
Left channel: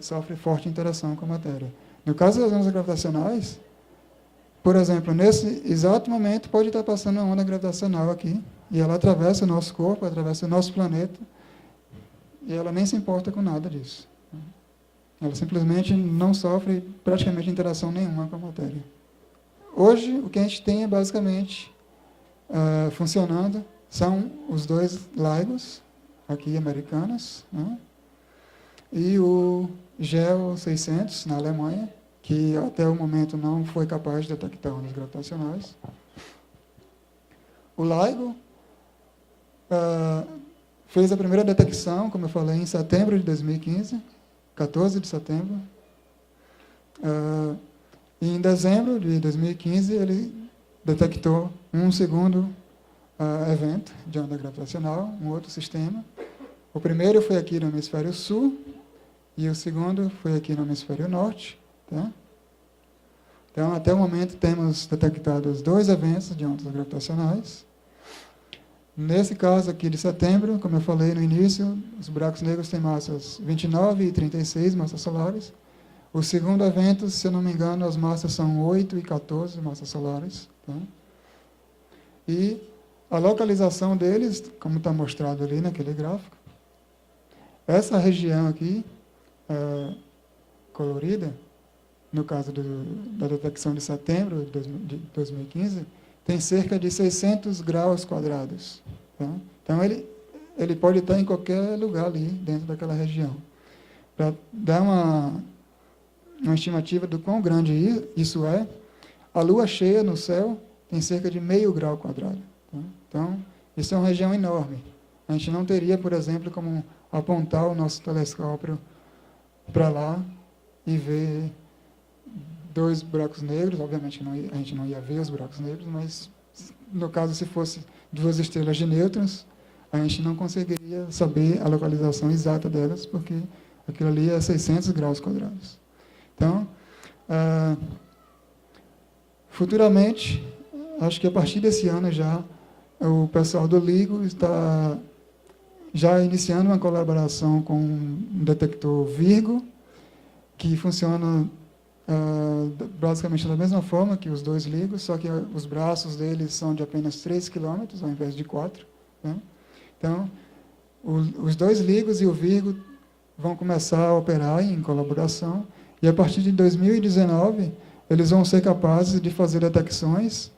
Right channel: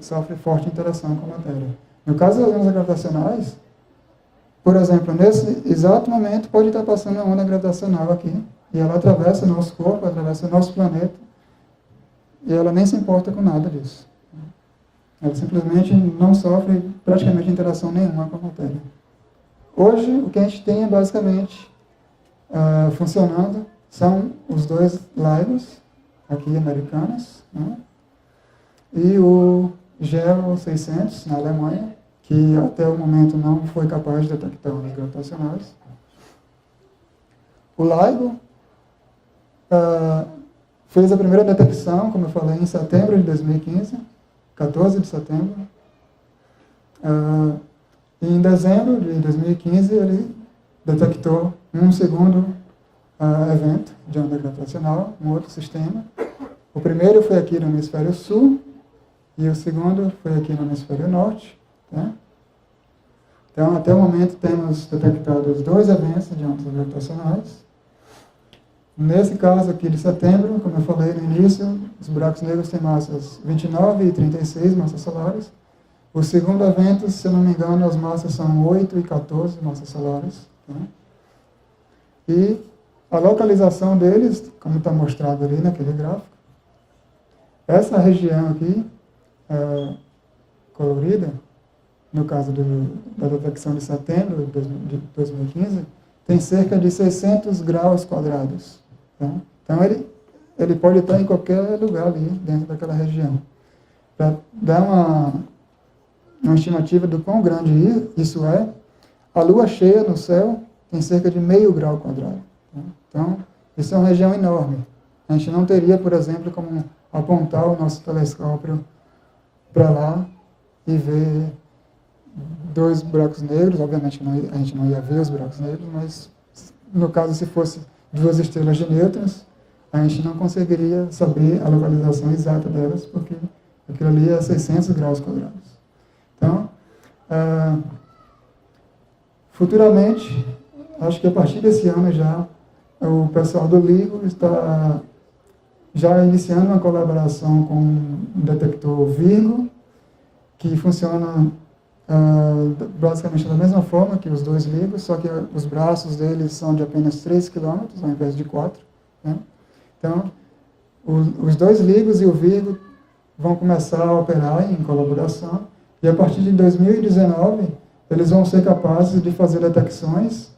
sofre forte interação com a matéria. No caso das ondas gravitacionais, por exemplo, nesse exato momento pode estar passando uma onda gravitacional aqui, e ela atravessa o nosso corpo, atravessa o nosso planeta, e ela nem se importa com nada disso. Ela simplesmente não sofre praticamente interação nenhuma com a matéria. Hoje, o que a gente tem é basicamente funcionando são os dois LIGOs, aqui americanos, né? E o GEO 600, na Alemanha, que até o momento não foi capaz de detectar ondas gravitacionais. O LIGO fez a primeira detecção, como eu falei, em setembro de 2015, 14 de setembro. E em dezembro de 2015, ele detectou um segundo evento de onda gravitacional, um outro sistema. O primeiro foi aqui no hemisfério sul, e o segundo foi aqui no hemisfério norte. Tá? Então, até o momento, temos detectado 2 eventos de ondas gravitacionais. Nesse caso aqui de setembro, como eu falei no início, os buracos negros têm massas 29 e 36 massas solares. O segundo evento, se eu não me engano, as massas são 8 e 14 massas solares. Tá? E a localização deles, como está mostrado ali naquele gráfico, essa região aqui, colorida, no caso da detecção de setembro de 2015, tem cerca de 600 graus quadrados. Tá? Então, ele pode estar em qualquer lugar ali, dentro daquela região. Para dar uma estimativa do quão grande isso é, a lua cheia no céu tem cerca de meio grau quadrado. Tá? Então, isso é uma região enorme. A gente não teria, por exemplo, como apontar o nosso telescópio para lá e ver 2 buracos negros. Obviamente a gente não ia ver os buracos negros, mas no caso, se fosse 2 estrelas de nêutrons, a gente não conseguiria saber a localização exata delas, porque aquilo ali é 600 graus quadrados. Então, futuramente, acho que a partir desse ano já, o pessoal do LIGO está já iniciando uma colaboração com um detector Virgo, que funciona basicamente da mesma forma que os 2 LIGOs, só que os braços deles são de apenas 3 km, ao invés de 4. Né? Então, os 2 LIGOs e o Virgo vão começar a operar em colaboração, e a partir de 2019, eles vão ser capazes de fazer detecções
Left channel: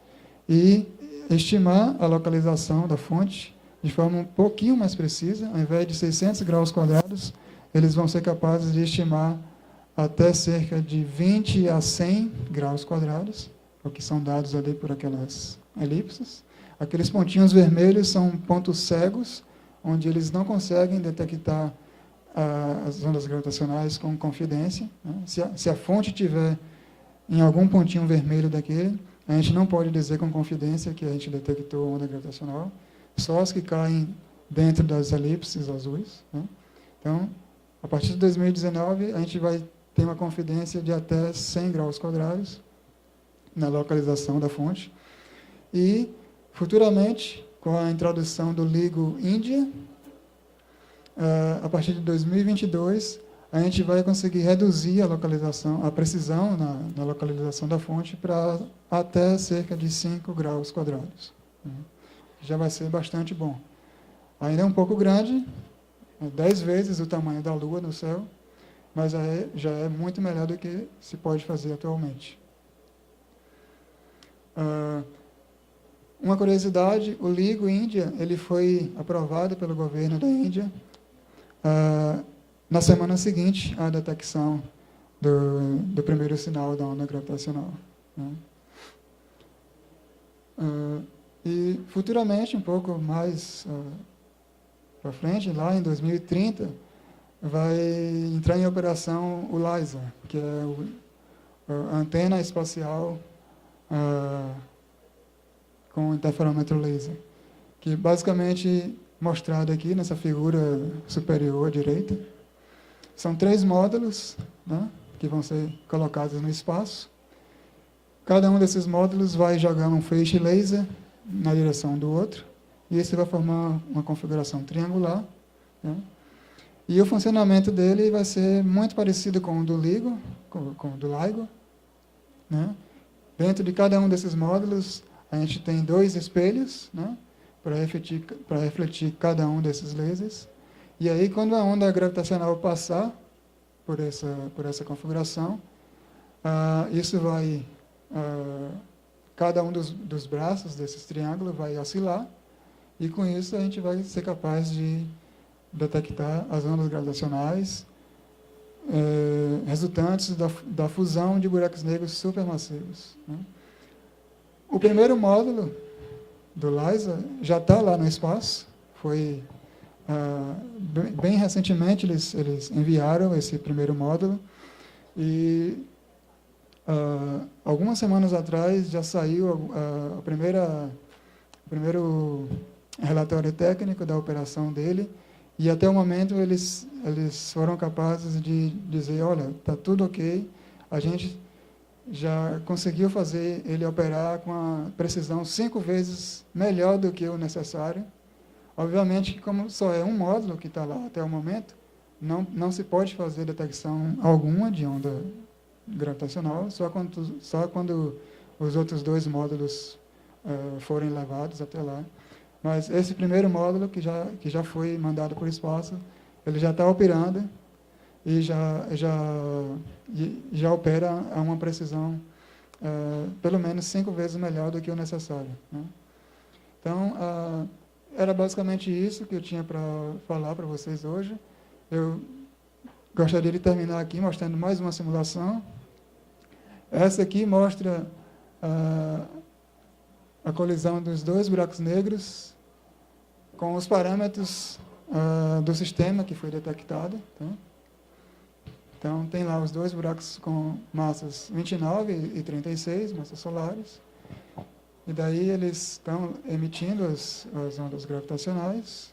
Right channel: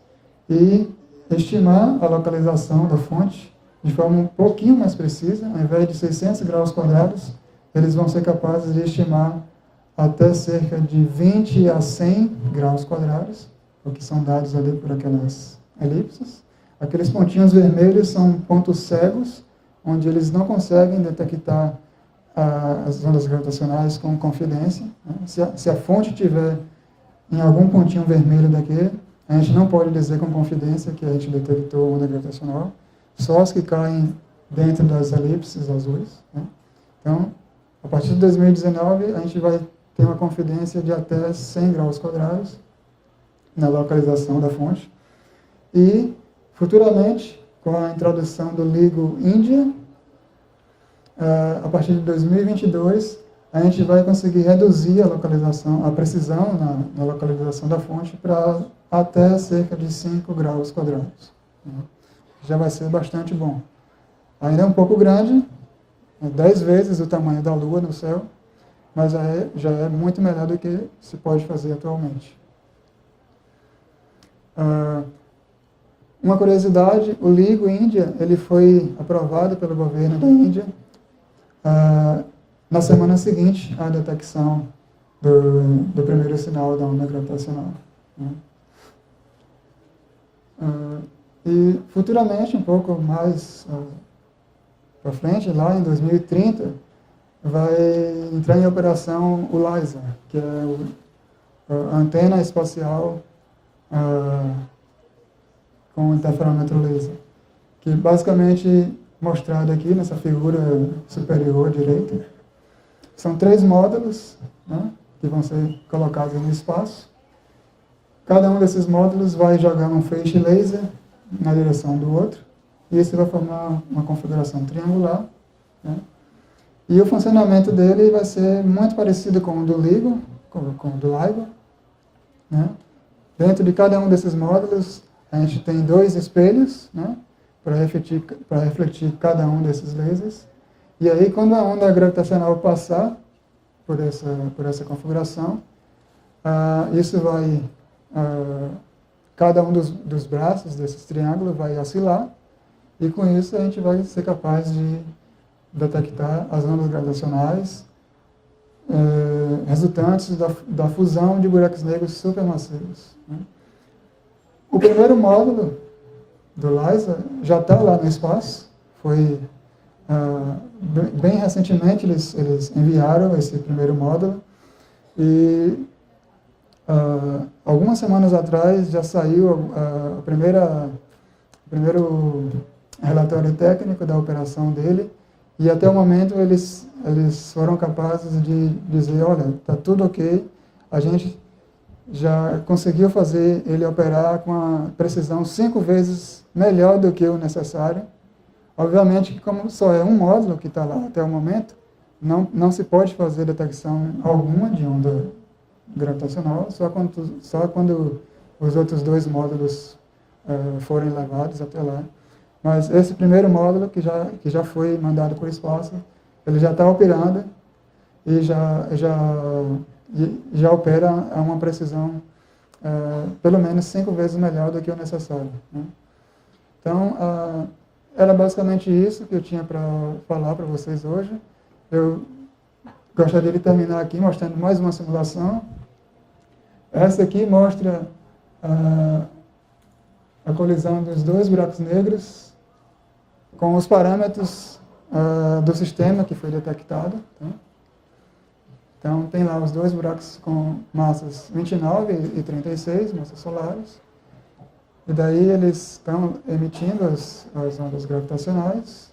e estimar a localização da fonte de forma um pouquinho mais precisa. Ao invés de 600 graus quadrados, eles vão ser capazes de estimar até cerca de 20 a 100 graus quadrados, o que são dados ali por aquelas elipses. Aqueles pontinhos vermelhos são pontos cegos, onde eles não conseguem detectar as ondas gravitacionais com confidência. Né? Se a fonte tiver em algum pontinho vermelho daquele, a gente não pode dizer com confidência que a gente detectou onda gravitacional, só os que caem dentro das elipses azuis. Né? Então, a partir de 2019, a gente vai ter uma confidência de até 100 graus quadrados na localização da fonte. E, futuramente, com a introdução do LIGO Índia, a partir de 2022, a gente vai conseguir reduzir a precisão na localização da fonte para até cerca de 5 graus quadrados. Já vai ser bastante bom. Ainda é um pouco grande, 10 vezes o tamanho da Lua no céu, mas já é muito melhor do que se pode fazer atualmente. Uma curiosidade, o LIGO Índia, ele foi aprovado pelo governo da Índia na semana seguinte à detecção do primeiro sinal da onda gravitacional. Né? E futuramente, um pouco mais para frente, lá em 2030, vai entrar em operação o LISA, que é a antena espacial com interferômetro laser, que basicamente mostrado aqui nessa figura superior direita. São 3 módulos, né, que vão ser colocados no espaço. Cada um desses módulos vai jogar um feixe laser na direção do outro, e isso vai formar uma configuração triangular. Né? E o funcionamento dele vai ser muito parecido com o do LIGO, com o do LIGO. Né? Dentro de cada um desses módulos, a gente tem 2 espelhos, né, para refletir cada um desses lasers. E aí, quando a onda gravitacional passar por essa configuração, isso vai... cada um dos braços desses triângulos vai oscilar, e com isso a gente vai ser capaz de detectar as ondas gravitacionais resultantes da fusão de buracos negros supermassivos, né? O primeiro módulo do LISA já está lá no espaço. Foi bem recentemente eles enviaram esse primeiro módulo, e algumas semanas atrás já saiu o primeiro relatório técnico da operação dele, e até o momento eles foram capazes de dizer, olha, está tudo ok, a gente já conseguiu fazer ele operar com uma precisão 5 vezes melhor do que o necessário. Obviamente, como só é um módulo que está lá até o momento, não se pode fazer detecção alguma de onda gravitacional, só quando os outros 2 módulos forem levados até lá. Mas esse primeiro módulo, que já foi mandado para o espaço, ele já está operando e já opera a uma precisão pelo menos 5 vezes melhor do que o necessário, né? Então, era basicamente isso que eu tinha para falar para vocês hoje. Eu gostaria de terminar aqui mostrando mais uma simulação. Essa aqui mostra a colisão dos 2 buracos negros com os parâmetros do sistema que foi detectado, né? Então, tem lá os 2 buracos com massas 29 e 36, massas solares. E daí eles estão emitindo as ondas gravitacionais.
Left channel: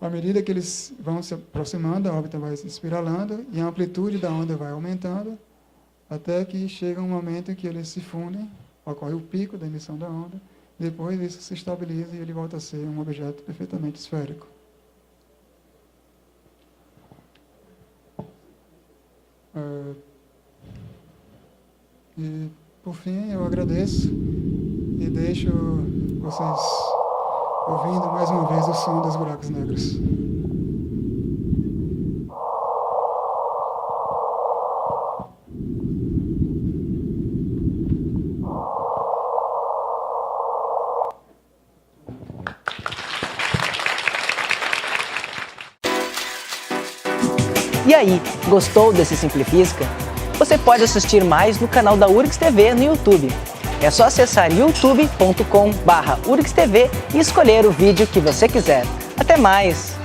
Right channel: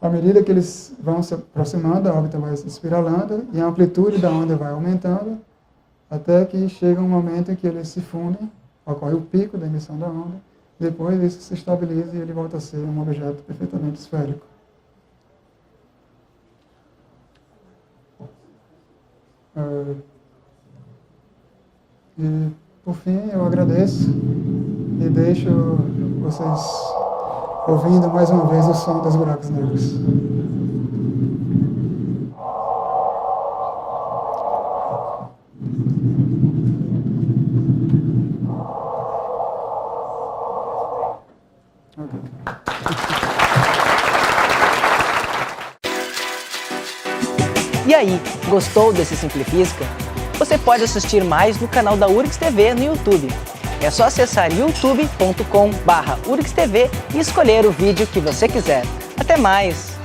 À medida que eles vão se aproximando, a órbita vai se espiralando e a amplitude da onda vai aumentando, até que chega um momento em que eles se fundem, ocorre o pico da emissão da onda, depois isso se estabiliza e ele volta a ser um objeto perfeitamente esférico. E, por fim, eu agradeço e deixo vocês ouvindo mais uma vez o som dos buracos negros. E aí, gostou desse Simplifísica? Você pode assistir mais no canal da URGS TV no YouTube. É só acessar youtube.com/URGSTV e escolher o vídeo que você quiser. Até mais!